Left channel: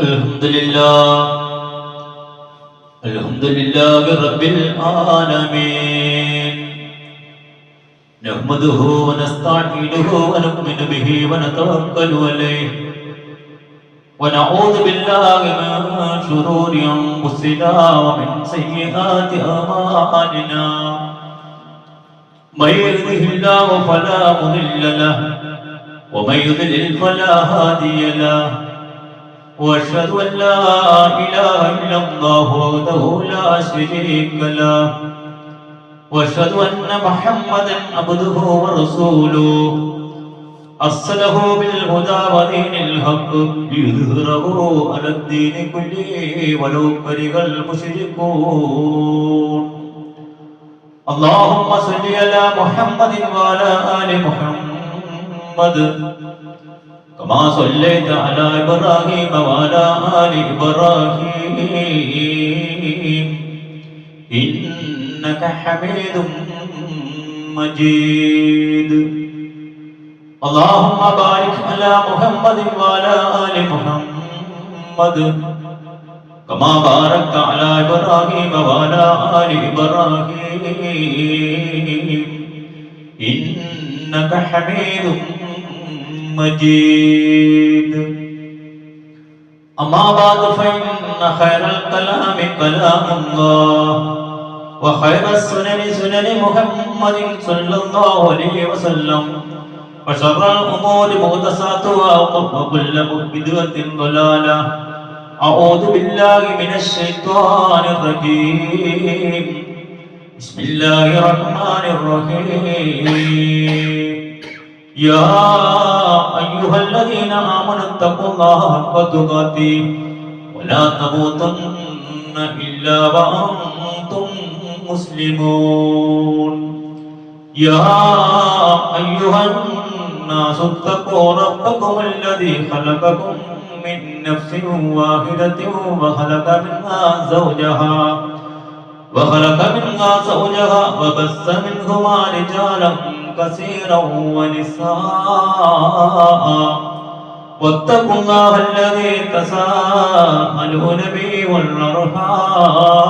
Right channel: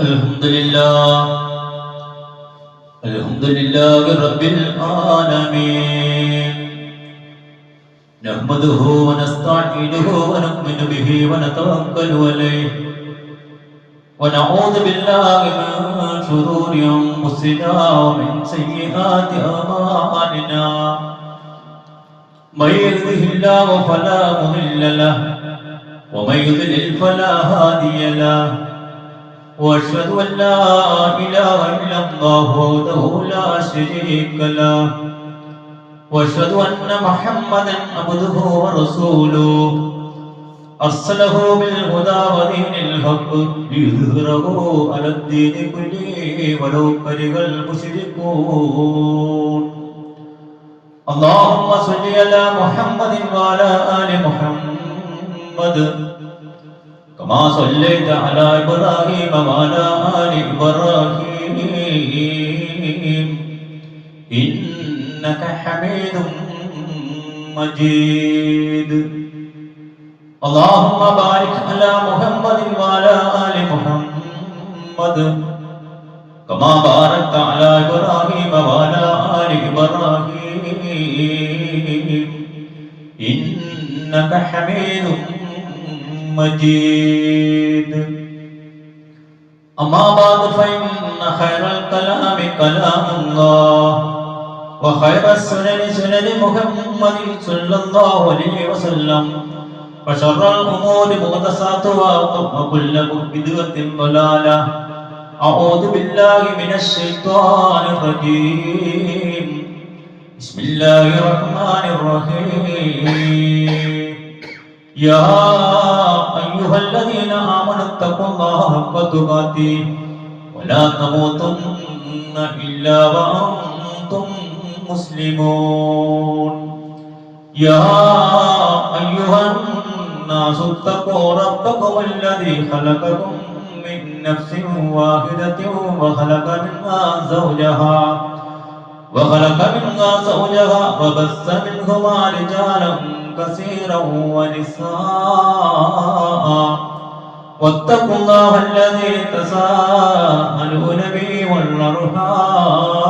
الحمد لله الحمد لله رب العالمين نحمده ونستعينه ونؤمن به ونتوكل عليه ونعوذ بالله من شرور انفسنا ومن سيئات اعمالنا من يهده الله فلا مضل له ومن يضلل فلا هادي له واشهد ان لا اله الا الله وحده لا شريك له واشهد ان محمدا عبده ورسوله ارسله بالهدى ودين الحق ليظهره على الدين كله ولو كره المشركون اللهم صل على محمد وعلى ال محمد كما صليت على إبراهيم وعلى آل إبراهيم إنك حميد مجيد اللهم بارك على محمد وعلى آل محمد كما باركت على إبراهيم وعلى آل إبراهيم إنك حميد مجيد أما بعد فإن خير الكلام كلام الله وخير السنن سنن محمد صلى الله عليه وسلم وشر الأمور محدثاتها وكل بدعة ضلالة أعوذ بالله من الشيطان الرجيم بسم الله الرحمن الرحيم يا أيها الذين آمنوا اتقوا الله حق تقاته ولا تموتن إلا وأنتم مسلمون يا أيها الناس اتقوا ربكم الذي خلقكم من نفس واحدة وخلق منها زوجها وبث منهما رجالا كثيرا ونساء واتقوا الله الذي تساءلون به والأرحام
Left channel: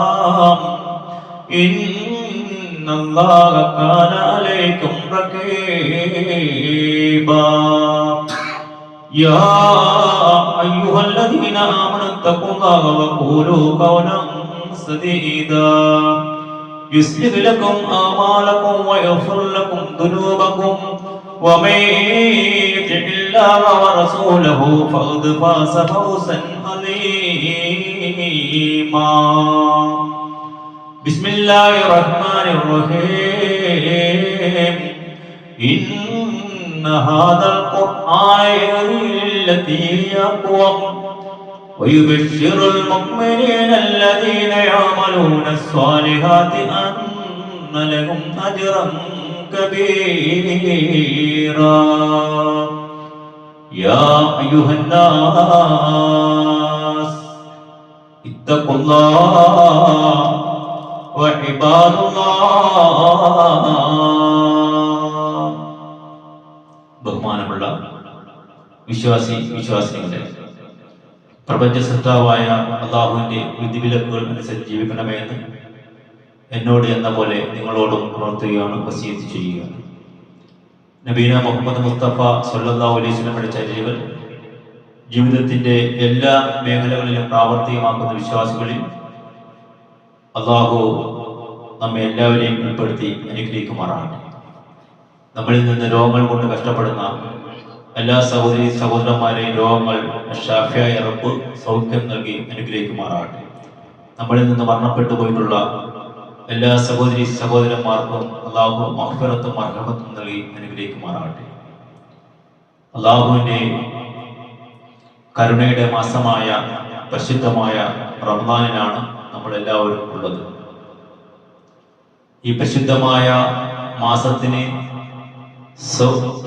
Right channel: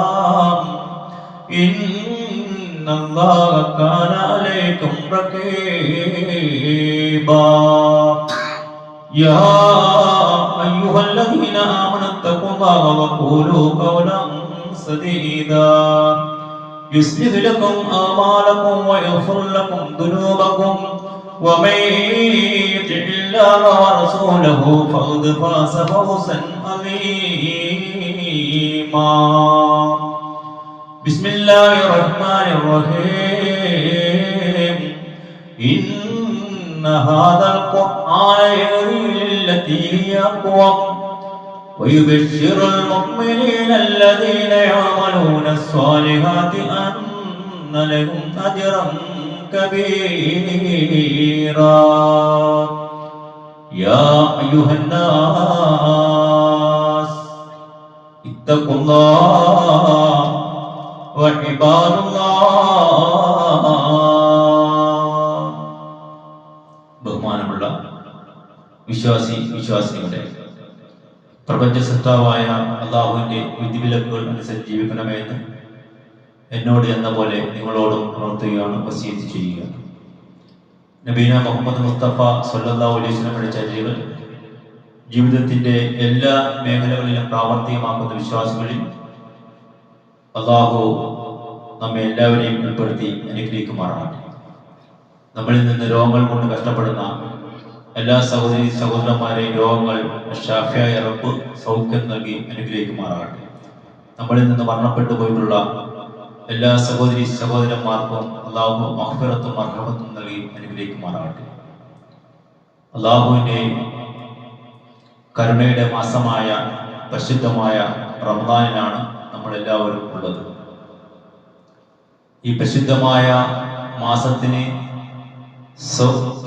إن الله كان عليكم رقيبا يا أيها الذين آمنوا اتقوا الله وقولوا قولا سديدا يصلح لكم أعمالكم ويغفر لكم ذنوبكم ومن يطع الله ورسوله فقد فاز فوزا عظيما بسم الله الرحمن الرحيم إن هذا القرآن يهدي للتي هي أقوم ويبشر المؤمنين الذين يعملون الصالحات أن لهم أجرا كبيرا يا أيها الناس اتقوا الله وعباد الله ബഹുമാനമുള്ള വിശ്വാസികളെ പ്രപഞ്ച സൃഷ്ടാവായ അല്ലാഹുവിന്റെ വിധിവിലക്കുകൾ അനുസരിച്ച് ജീവിക്കണമെന്ന് എന്നോട് എന്ന പോലെ നിങ്ങളോടും പ്രവർത്തിക്കുകയാണ് വസിയത്ത് ചെയ്യുക. നബീന മുഹമ്മദ് മുസ്തഫ സല്ലല്ലാഹു അലൈഹി വസല്ലമയുടെ ചര്യകൾ ജീവിതത്തിന്റെ എല്ലാ മേഖലകളിലും പ്രാവർത്തികമാക്കുന്ന വിശ്വാസികളിൽ അല്ലാഹു നമ്മെ എല്ലാവരെയും ഉൾപ്പെടുത്തി അനുഗ്രഹിക്കുമാറാണ്. നമ്മളിൽ നിന്ന് രോഗങ്ങൾ കൊണ്ട് കഷ്ടപ്പെടുന്ന എല്ലാ സഹോദരന്മാരെയും രോഗങ്ങൾ ഷാഫിയായ റബ്ബ് സൗഖ്യം നൽകി അനുഗ്രഹിക്കുമാറാകട്ടെ. നമ്മളിൽ നിന്ന് മരണപ്പെട്ടു പോയിട്ടുള്ള എല്ലാ സഹോദരന്മാർക്കും അല്ലാഹു മഗ്ഫിറത്തും മർഹമത്തും നൽകി അനുഗ്രഹിക്കുമാറാകട്ടെ. അല്ലാഹുവിന്റെ കരുണയുടെ മാസമായ പരിശുദ്ധമായ റമദാനിലാണ് നമ്മളെല്ലാവരും ഉള്ളത്. ഈ പ്രസിദ്ധമായ മാസത്തിന്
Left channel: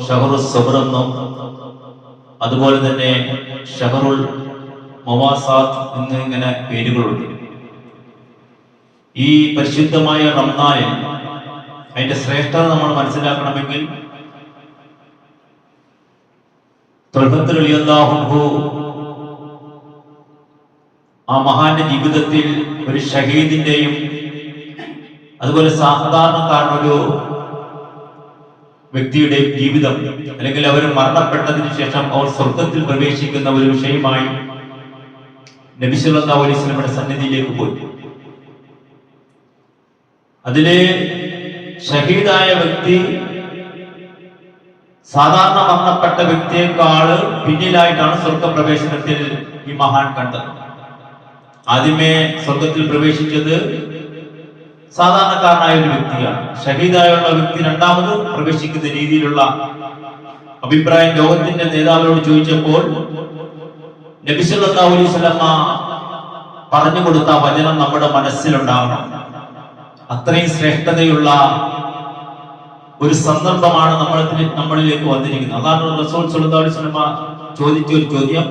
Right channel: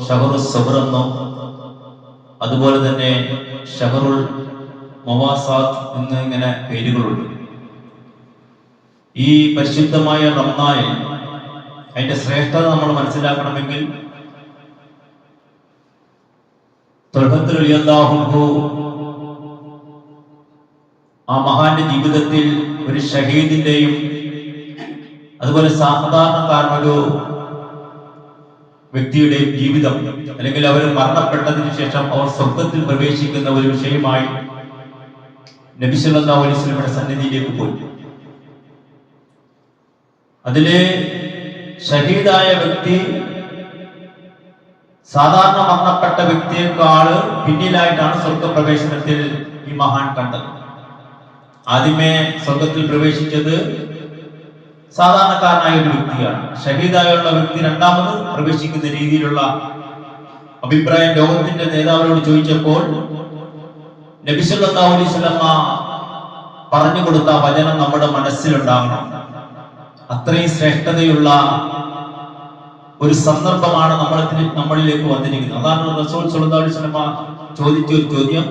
ഷഹറുൽ സബ്ർ എന്നും അതുപോലെ തന്നെ ഷഹറുൽ മവാസാത്ത് എന്നിങ്ങനെ പേരുകളുണ്ട്. ഈ പരിശുദ്ധമായ റമദാനിൽ അതിന്റെ ശ്രേഷ്ഠത നമ്മൾ മനസ്സിലാക്കണമെങ്കിൽ ത്വൽഹത്ത് റളിയല്ലാഹു അൻഹു ആ മഹാന്റെ ജീവിതത്തിൽ ഒരു ഷഹീദിന്റെയും അതുപോലെ സാധാരണക്കാരനൊരു വ്യക്തിയുടെ ജീവിതം അല്ലെങ്കിൽ അവർ മരണപ്പെട്ടതിന് ശേഷം അവർ സ്വർഗത്തിൽ പ്രവേശിക്കുന്ന ഒരു വിഷയമായി നബി സല്ലല്ലാഹു അലൈഹി വസല്ലമയുടെ സന്നിധിയിലേക്ക് പോയി. അതിലെ ഷഹീദായ വ്യക്തി സാധാരണ മരണപ്പെട്ട വ്യക്തിയെക്കാള് പിന്നിലായിട്ടാണ് സ്വർഗപ്രവേശനത്തിൽ ഈ മഹാൻ കണ്ടത്. ആദ്യമേ സ്വർഗത്തിൽ പ്രവേശിച്ചത് സാധാരണക്കാരനായ ഒരു വ്യക്തിയാണ്. ഷഹീദായുള്ള വ്യക്തി രണ്ടാമത് പ്രവേശിക്കുന്ന രീതിയിലുള്ള അഭിപ്രായം ലോകത്തിന്റെ നേതാവിനോട് ചോദിച്ചപ്പോൾ നബി സല്ലല്ലാഹു അലൈഹി വസല്ലമ പറഞ്ഞു കൊടുത്ത വചനം നമ്മുടെ മനസ്സിലുണ്ടാകണം. അത്രയും ശ്രേഷ്ഠതയുള്ള ഒരു സന്ദർഭമാണ് നമ്മളിലേക്ക് വന്നിരിക്കുന്നത്. അതാണ് റസൂൽ സല്ലല്ലാഹു അലൈഹി വസല്ലമ ചോദിച്ച ഒരു ചോദ്യം,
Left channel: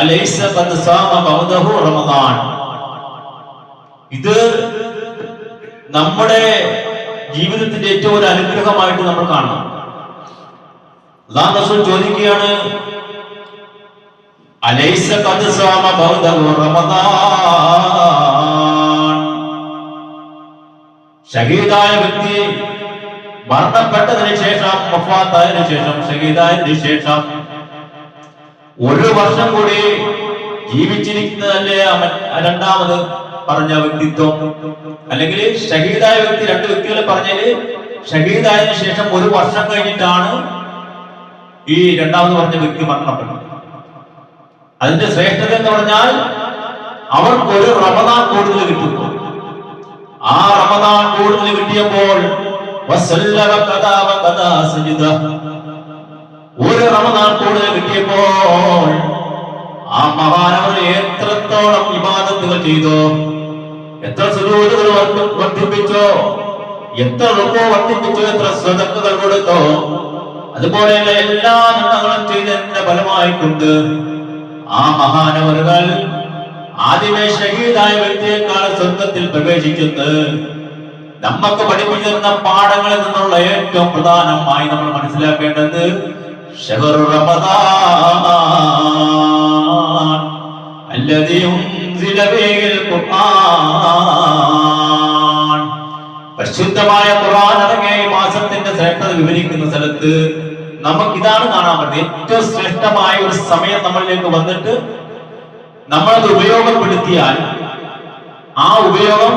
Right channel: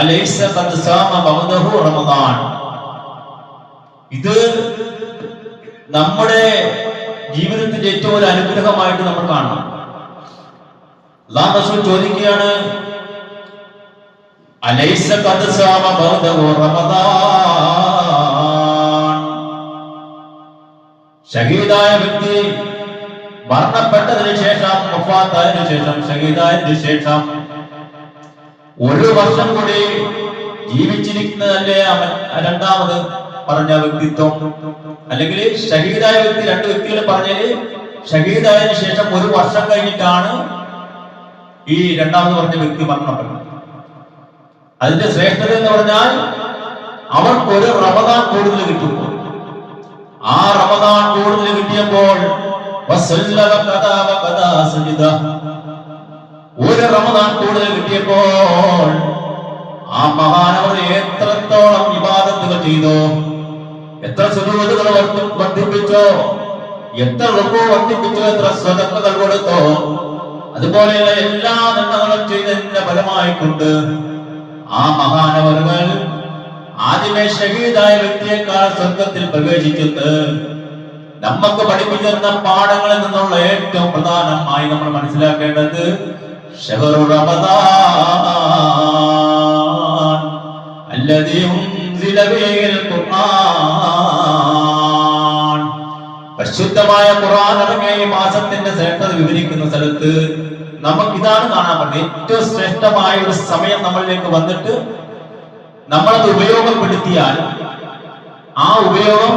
അലൈസ ഖദ് സാമ ബഅദഹു റമദാൻ. ഇത് നമ്മുടെ ജീവിതത്തിന്റെ ഏറ്റവും ഒരു അനുഗ്രഹമായിട്ട് നമ്മൾ കാണണം. അല്ലാഹു റസൂൽ ചോദിക്കുകയാണ്, അലൈസ ഖദ് സാമ ബഅദഹു റമദാൻ. ഷഹീദായ വ്യക്തി മരണപ്പെട്ടതിന് ശേഷം, വഫാത്തായതിനു ശേഷം, ഷഹീദായതിനു ശേഷം ഒരു വർഷം കൂടി ജീവിച്ചിരിക്കുന്നതല്ലേ അവൻ രണ്ടാമത് പറഞ്ഞ വ്യക്തിത്വം? അല്ലെങ്കിൽ ഷഹീദായ വ്യക്തി, രണ്ട് വ്യക്തികൾ പറഞ്ഞാല് ഷഹീദായതിനു ശേഷം ഒരു വർഷം കഴിഞ്ഞിട്ടാണ് ഈ രണ്ടാമത് പറഞ്ഞ വ്യക്തി മരണപ്പെട്ടത്. അതിന്റെ ശ്രേഷ്ഠത എന്ന് പറഞ്ഞാൽ അവർക്ക് ഒരു റമദാൻ കൂടുതൽ കിട്ടുന്നു. ആ റമദാൻ കൂടുതൽ കിട്ടിയപ്പോൾ ഒരു റമദാൻ കൂടുതൽ കിട്ടിയപ്പോൾ ആ മഹാനവർ എത്രത്തോളം ഇബാദത്തുകൾ ചെയ്തു, എത്ര സുജൂദുകൾ വർദ്ധിപ്പിച്ചോ, എത്ര റുക്കൂ വർദ്ധിപ്പിച്ചോ, എത്ര സ്വതക്കകൾ കൊടുത്തോ, അതുപോലെയുള്ള എല്ലാ നന്മകളും ചെയ്തതിന്റെ ഫലമായിക്കൊണ്ട് ആ മഹാനവറുകൾ ആദ്യമേ ഷഹീദായ വ്യക്തിയെക്കാൾ സ്വർഗത്തിൽ പ്രവേശിച്ചത് നമുക്ക് പഠിപ്പിച്ചിരുന്ന പാഠങ്ങളിൽ നിന്നുള്ള ഏറ്റവും പ്രധാനമായി നമ്മൾ മനസ്സിലാക്കേണ്ടത് ശഹ്റു റമദാൻ അല്ലദീ ഉൻസില ഫീഹിൽ ഖുർആൻ. പരിശുദ്ധമായ ഖുർആൻ അടങ്ങിയ ഈ മാസത്തിന്റെ ശ്രേഷ്ഠത വിവരിക്കുന്ന സ്ഥലത്ത് നമുക്ക് ഇതാണ് കാണാൻ പറ്റുന്നത്. ഏറ്റവും ശ്രേഷ്ഠമായ ഒരു സമയം നമ്മളിലേക്ക് വന്നിട്ട് നമ്മളത് ഉപയോഗപ്പെടുത്തിയാൽ ആ ഉപയോഗം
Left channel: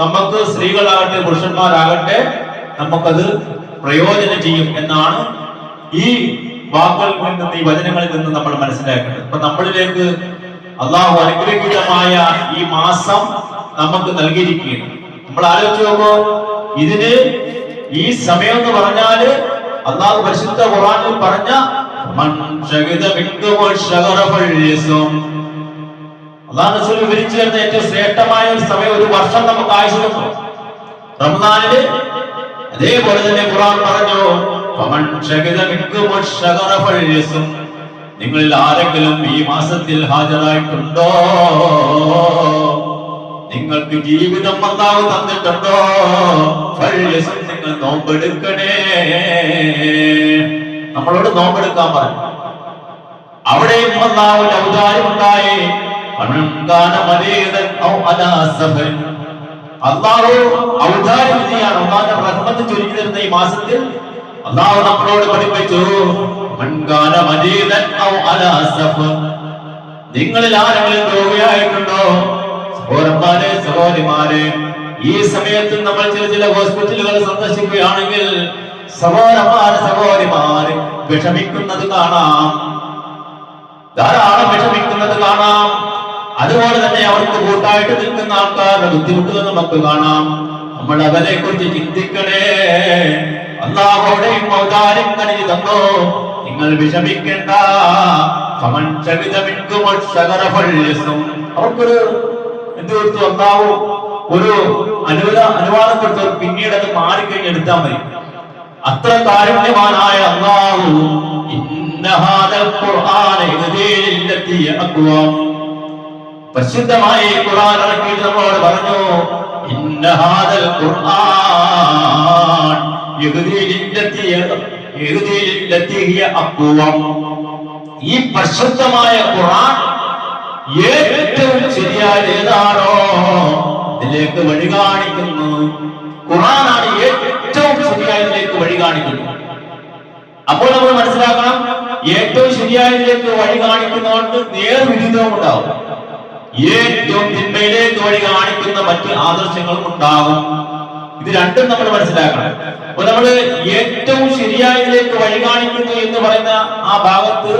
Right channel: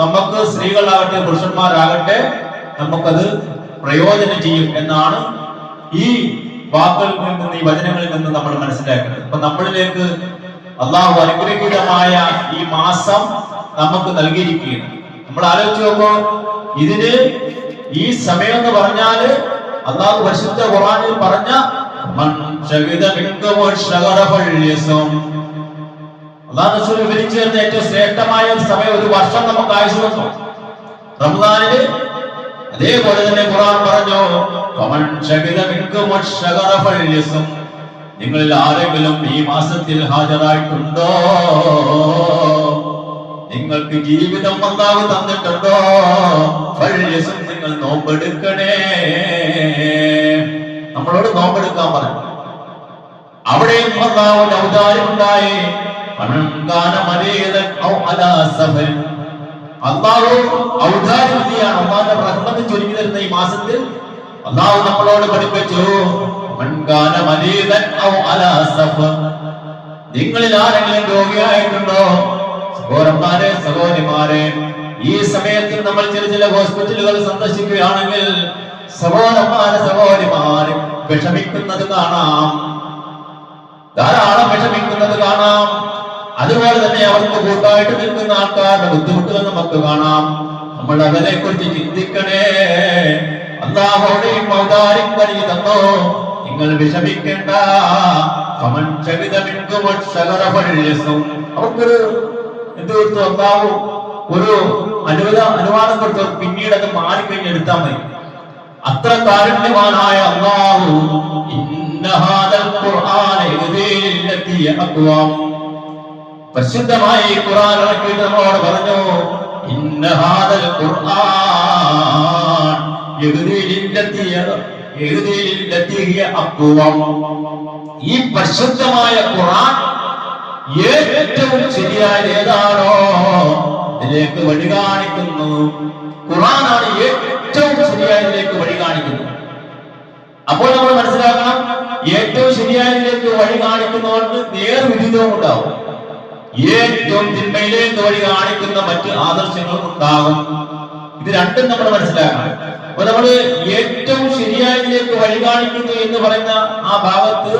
നമുക്ക് സ്ത്രീകളാകട്ടെ പുരുഷന്മാരാകട്ടെ നമുക്കത് പ്രയോജനം ചെയ്യും എന്നാണ് ഈ വാക്കുകളിൽ നിന്ന്, ഈ വചനങ്ങളിൽ നിന്ന് നമ്മൾ മനസ്സിലാക്കുന്നത്. അപ്പൊ നമ്മളിലേക്ക് അള്ളാഹു അനുഗ്രഹീതമായ ഈ മാസം നമുക്ക് നൽകിയിരിക്കുകയാണ്. നമ്മൾ ആലോചിച്ച് നോക്കൂ, ഇതിന് ഈ സമയം എന്ന് പറഞ്ഞാല് അള്ളാഹു പരിശുദ്ധ ഖുർആനിൽ പറഞ്ഞ അള്ളാഹു റസൂൽ വിവരിച്ചു തരുന്ന ഏറ്റവും ശ്രേഷ്ഠമായ ഒരു സമയം, ഒരു വർഷം നമുക്ക് ആയുസ് വന്നു റമദാനില്. അതേപോലെ തന്നെ ഖുർആൻ പറഞ്ഞു, നിങ്ങളിൽ ആരെങ്കിലും ഈ മാസത്തിൽ ഹാജരായിട്ടുണ്ടോ, നിങ്ങൾക്ക് ജീവിതം അല്ലാഹു തന്നിട്ടുണ്ടോ, നിങ്ങൾ നോമ്പെടുക്കണേ. നമ്മളോട് നോമ്പെടുക്കാൻ പറഞ്ഞു. അവിടെയും അല്ലാഹുവിന്റെ ഔദാര്യം ഉണ്ടായി. അല്ലാഹു ഔദാര്യമാണ്, അല്ലാഹുവിന്റെ റഹ്മത്ത് ചൊരിഞ്ഞു തരുന്ന ഈ മാസത്തിൽ അല്ലാഹു നമ്മളോട് പഠിപ്പിച്ചു, നിങ്ങളിൽ ആരെങ്കിലും രോഗിയായിട്ടുണ്ടോ, സഹോദരന്മാരെ സഹോദരിമാരെ, ഈ സമയത്ത് നമ്മൾ ചില ഹോസ്പിറ്റലുകൾ സന്ദർശിക്കുകയാണെങ്കിൽ സഹോദരന്മാരെ സഹോദരിമാരെ വിഷമിക്കുന്നത് കാണാം, ധാരാളം വിഷമിക്കുന്നത് കാണാം. അതുപോലെ തന്നെ അവർക്ക് കൂട്ടായിട്ട് നിൽക്കുന്ന ആൾക്കാരുടെ ബുദ്ധിമുട്ടുകൾ നമുക്ക് കാണാം. നമ്മൾ അതിനെ കുറിച്ച് ചിന്തിക്കണേ. അല്ലാഹുവിന്റെയും ഔദാര്യം കനിഞ്ഞു തന്നോ, നിങ്ങൾ വിഷമിക്കേണ്ട. അവർക്കൊരു എന്ത് കൊടുത്തു? അല്ലാഹു ഒരു അനുവാദം കൊടുത്തു, പിന്നീട് അത് മാറിക്കഴിഞ്ഞെടുത്താൽ മതി. അത്ര കാരുണ്യവാനായ അല്ലാഹു പരിശുദ്ധമായ ഈ ഖുർആൻ ഇറക്കിയിട്ട് നമ്മോട് പറഞ്ഞു, ഈ പരിശുദ്ധമായ ഖുർആൻ ഏറ്റവും ശരിയായ ഏതാണോ ഇതിലേക്ക് വഴി കാണിക്കുന്നു. ഖുർആനാണ് ഏറ്റവും ശരിയായതിലേക്ക് വഴി കാണിക്കുന്നത്. അപ്പോൾ നമ്മൾ മനസ്സിലാക്കണം, ഏറ്റവും ശരിയായതിലേക്ക് വഴി കാണിക്കുന്നതുകൊണ്ട് നേർവിരുദ്ധവും ഉണ്ടാവും. ഏറ്റവും തിന്മയിലേക്ക് വഴി കാണിക്കുന്ന മറ്റ് ആദർശങ്ങളും ഉണ്ടാകും. ഇത് രണ്ടും നമ്മൾ മനസ്സിലാക്കണം. അപ്പൊ നമ്മള് ഏറ്റവും ശരിയായതിലേക്ക് വഴി കാണിക്കുന്നു എന്ന് പറയുന്ന ആ ഭാഗത്ത്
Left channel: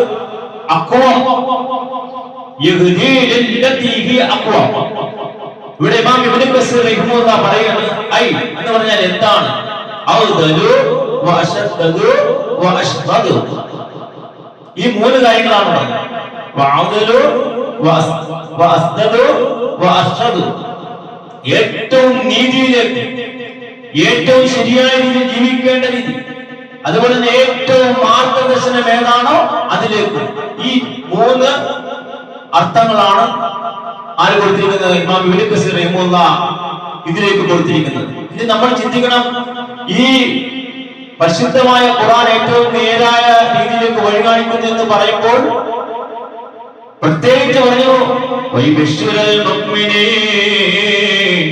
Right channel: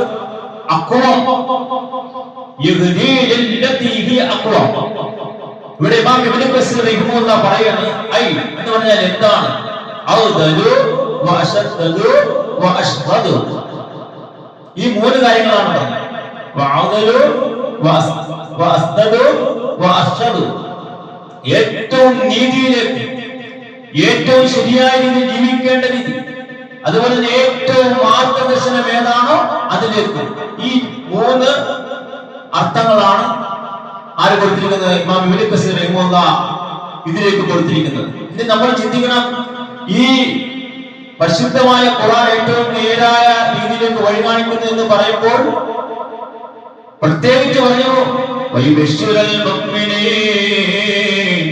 ഇവിടെ ഇമാം ഇബ്നു കസീർ റഹിമഹുല്ലാഹ് പറയുന്നു, ഐ എന്ന് പറഞ്ഞാൽ എന്താണ്? ഔദലു വഅശദ്ദു വഅശ്ദദു. ഈ മൂന്ന് കാര്യങ്ങളാണ് പറയുന്നത്. ഔദലു വഅസ്ദദു വഅശ്ദദു. ഏറ്റവും നീതിയിലേക്ക്, ഏറ്റവും ശരിയായ രീതിയിൽ ജീവിക്കേണ്ട രീതി, അതുപോലെ തന്നെ ഏറ്റവും മാർഗദർശനം ഏതാണോ അതിലേക്ക്. ഈ മൂന്ന് അർത്ഥങ്ങളാണ് ആര് കൊടുത്തിരിക്കുന്നത്? ഇമാം ഇബ്നു കസീർ റഹിമഹുല്ലാഹ് ഇതിലേക്ക് കൊടുത്തിരിക്കുന്നത്. ഇനി നമ്മൾ ചിന്തിക്കണം, ഈ പരിശുദ്ധമായ ഖുർആൻ ഏറ്റവും നേരായ രീതിയിലേക്ക് വഴി കാണിക്കുന്നു എന്ന് പറയുമ്പോൾ പ്രത്യേകിച്ച് പറഞ്ഞു വൈബശ്ശുരൽ മുഅ്മിനീൻ,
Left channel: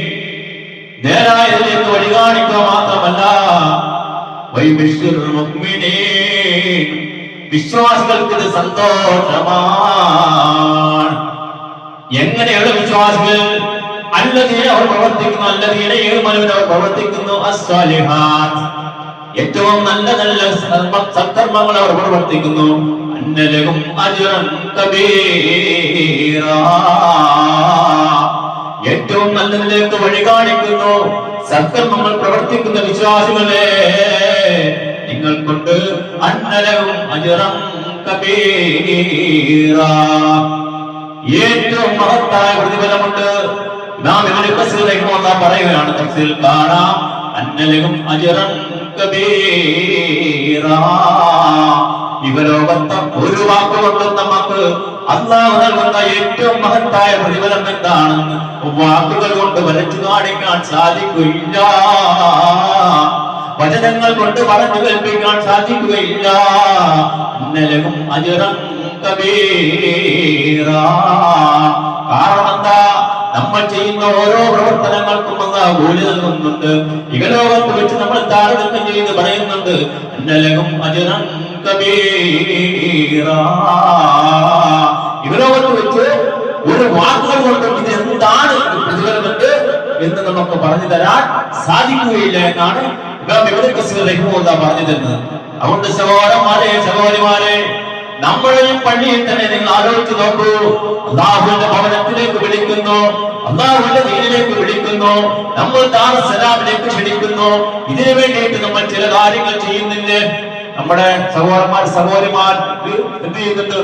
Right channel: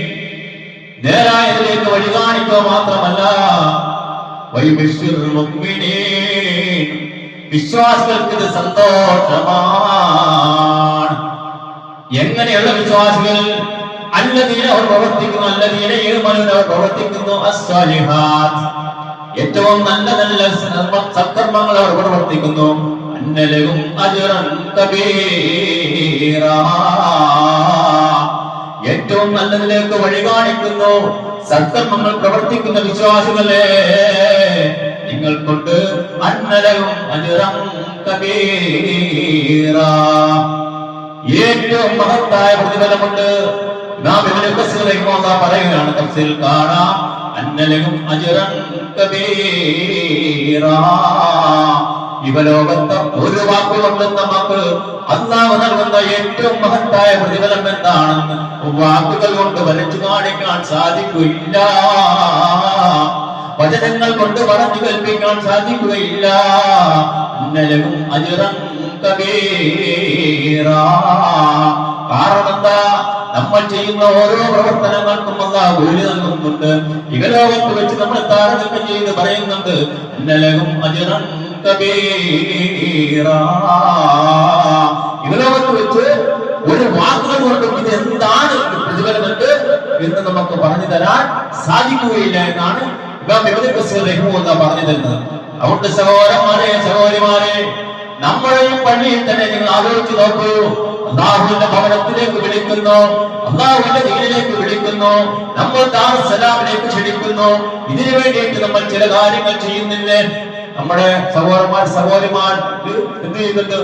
നേരായതിലേക്ക് വഴി കാണിക്കുക മാത്രമല്ല, വൈബശ്ശുരൽ മുഅ്മിനീൻ, വിശ്വാസികൾക്ക് ഇത് സന്തോഷമാണ്. എങ്ങനെയുള്ള വിശ്വാസികൾ? അല്ലദീന അവർ പ്രവർത്തിക്കുന്നു, അല്ലദീന യുഅ്മിനൂന അവർ പ്രവർത്തിക്കുന്നു, അസ്സാലിഹാത്ത്, ഏറ്റവും നല്ല നല്ല സൽക്കർമ്മങ്ങൾ അവർ പ്രവർത്തിക്കുന്നു, അന്നലഹും അജ്റൻ കബീറാ, ഏറ്റവും നല്ലതിലേക്ക് വഴി കാണിക്കുന്നു സൽക്കർമ്മങ്ങൾ പ്രവർത്തിക്കുന്ന വിശ്വാസികളെ നിങ്ങൾക്കുണ്ട് അന്നലഹും അജ്റൻ കബീറാ, ഏറ്റവും മഹത്തായ പ്രതിഫലമുണ്ട്. ഇമാം ഇബ്നു കസീർ റഹിമഹുല്ലാഹ് പറയുകയാണ്, തഫ്സീൽ കാണാം, അന്നലഹും അജ്റൻ കബീറാ. ഇഹലോകത്തെ ഒരു വാക്കുകൊണ്ടും നമുക്ക് അല്ലാഹു നൽകുന്ന ഏറ്റവും മഹത്തായ പ്രതിഫലം എന്താണെന്ന് വാക്കുകൾ കൊണ്ട് വരച്ചു കാണിക്കാൻ സാധിക്കുകയില്ല, വചനങ്ങൾ കൊണ്ട് പറഞ്ഞു കൽപ്പിക്കാൻ സാധിക്കുകയില്ല. അന്നലഹും അജ്റൻ കബീറാ. കാരണം എന്താ? നമ്മൾ ചെയ്യുന്ന ഓരോ പ്രവർത്തനങ്ങൾക്കും അല്ലാഹു കൂലി നൽകുന്നുണ്ട്. ഇഹലോകത്ത് വെച്ച് നമ്മൾ താരതമ്യം ചെയ്ത് പറയുന്നുണ്ട്, അന്നലഹും അജ്റൻ കബീറാ. ഇഹലോകത്ത് വെച്ച് ഒരു വാക്കുകൾ കൊണ്ട് ഇത് എന്താണ് പ്രതിഫലമുണ്ട് എന്ന് നമുക്ക് പറഞ്ഞു തരാൻ സാധിക്കുകയില്ല എന്നാണ് ഇമാം ഇബ്നു കസീർ റഹിമഹുല്ലാഹ് പറഞ്ഞു തരുന്നത്. അതുകൊണ്ട് സഹോദരന്മാരെ, സഹോദരിമാരെ, നമ്മളെയും പള്ളിയിൽ തന്നെ നിങ്ങൾ ആലോചിച്ച് നോക്കൂ. അല്ലാഹുവിന്റെ ഭവനത്തിലേക്ക് വിളിക്കുന്നു, അല്ലാഹുവിന്റെ ദീനിലേക്ക് വിളിക്കുന്നു, നമ്മൾ ദാറുസ് സലാമിലേക്ക് ക്ഷണിക്കുന്നു. ഇതിനു വേണ്ടിയിട്ട് നമ്മൾ ചില കാര്യങ്ങൾ ചെയ്യുന്നില്ലേ? നമ്മുടെ സഹോദരന്മാർ സഹോദരിമാർ എന്ത് ചെയ്യുന്നുണ്ട്?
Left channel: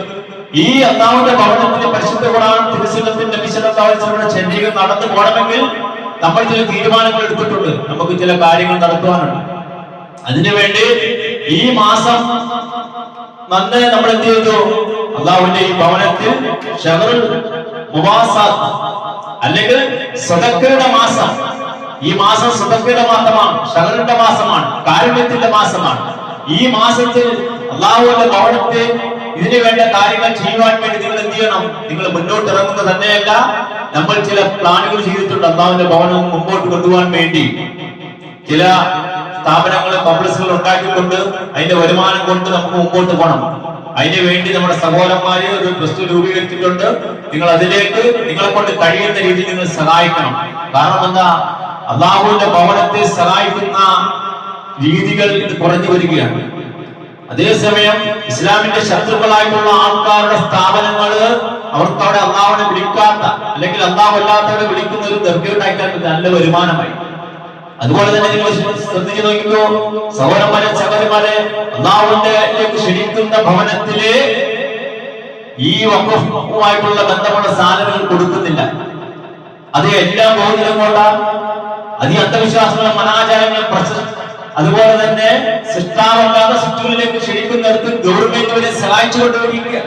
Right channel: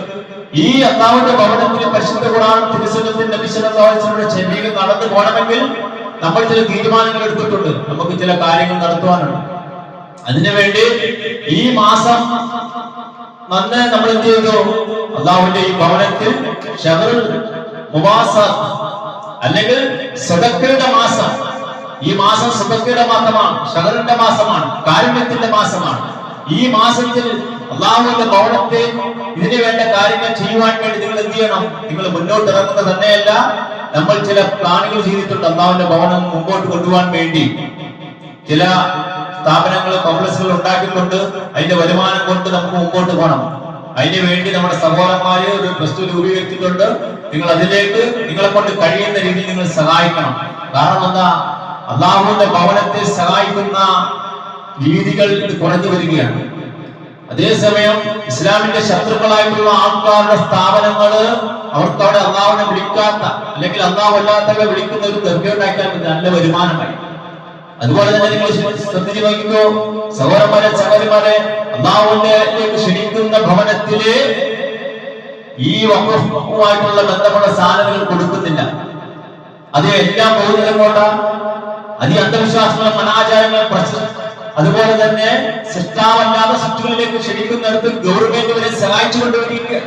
ഈ അല്ലാഹുവിന്റെ ഭവനത്തിൽ പരിശുദ്ധ ഖുർആൻ തിരുസുന്നത്തിന്റെ വിശദമായ ചെന്നൈയിൽ നടന്നു പോകണമെങ്കിൽ നമ്മൾ ചില തീരുമാനങ്ങൾ എടുത്തിട്ടുണ്ട്. നമുക്ക് ചില കാര്യങ്ങൾ നടത്തുവാനുണ്ട്. അതിനുവേണ്ടി ഈ മാസം നന്ന് നമ്മൾ എന്ത് ചെയ്തു? അല്ലാഹുവിന്റെ ഈ ഭവനത്തിൽ ഷഹറുൽ മുവാസാത്ത് അല്ലെങ്കിൽ സദഖയുടെ മാസം, ഈ മാസം സദഖയുടെ മാസമാണ്, ഷഹറിന്റെ മാസമാണ്, കാരുണ്യത്തിന്റെ മാസമാണ്. ഈ മാസത്തിൽ അല്ലാഹുവിന്റെ ഭവനത്തിൽ ഇതിനു വേണ്ട കാര്യങ്ങൾ ചെയ്യുവാൻ വേണ്ടി നിങ്ങൾ എന്ത് ചെയ്യണം? നിങ്ങൾ മുന്നോട്ട് ഇറങ്ങുന്നത് തന്നെയല്ല, നമ്മൾ ചില പ്ലാനുകൾ ചെയ്തിട്ടുണ്ട്. അല്ലാഹുവിന്റെ ഭവനം മുമ്പോട്ട് കൊണ്ടുപോകാൻ വേണ്ടി ചില സ്ഥാപനങ്ങൾ, കോംപ്ലക്സുകൾ ഉണ്ടാക്കിക്കൊണ്ട് അതിന്റെ വരുമാനം കൊണ്ട് നമുക്ക് മുമ്പോട്ട് പോകണം. അതിനു വേണ്ടി നമ്മുടെ സഹോദരന്മാരെ ഒരു ട്രസ്റ്റ് രൂപീകരിച്ചിട്ടുണ്ട്. നിങ്ങൾ അതിലേക്ക് നിങ്ങളെ കൊണ്ട് കഴിയുന്ന രീതിയിൽ നിങ്ങൾ സഹായിക്കണം. കാരണം എന്താ? അല്ലാഹുവിന്റെ ഭവനത്തെ സഹായിക്കുന്ന രീതികൾ ഇത് കുറഞ്ഞു വരികയാണ്. അതേസമയം ഇസ്ലാമിന്റെ ശത്രുക്കളായിട്ടുള്ള ആൾക്കാരുടെ സ്ഥാപനങ്ങള് അവർക്ക് അവിടെ അല്ലാഹുവിനെ വിളിക്കാത്ത അല്ലെങ്കിൽ അല്ലാഹു അല്ലാത്തവരെ വിളിക്കുന്ന ഒരു ദർഗയുണ്ടാക്കാൻ നല്ല വരുമാനമായി. അതുപോലെ തന്നെ നിങ്ങൾ ശ്രദ്ധിച്ചു നോക്കിക്കോ സഹോദരന്മാരെ, സഹോദരിമാരെ, അല്ലാഹുവിലേക്ക് ക്ഷണിക്കുന്ന ഭവനത്തില് ഈ വഖഫുമായിട്ടുള്ള ബന്ധമുള്ള സാധനങ്ങൾ കൊടുക്കുന്നില്ല. അത് എല്ലാം ബഹുജനം കൊണ്ടാ, അത് ഈ അന്ധവിശ്വാസങ്ങളും അനാചാരങ്ങളും അതുപോലെ തന്നെ സൃഷ്ടാവല്ലാത്ത സൃഷ്ടികളിലേക്ക് ക്ഷണിക്കുന്നിടത്ത് ഗവൺമെന്റ് വരെ സഹായിച്ചുകൊണ്ടിരിക്കുക.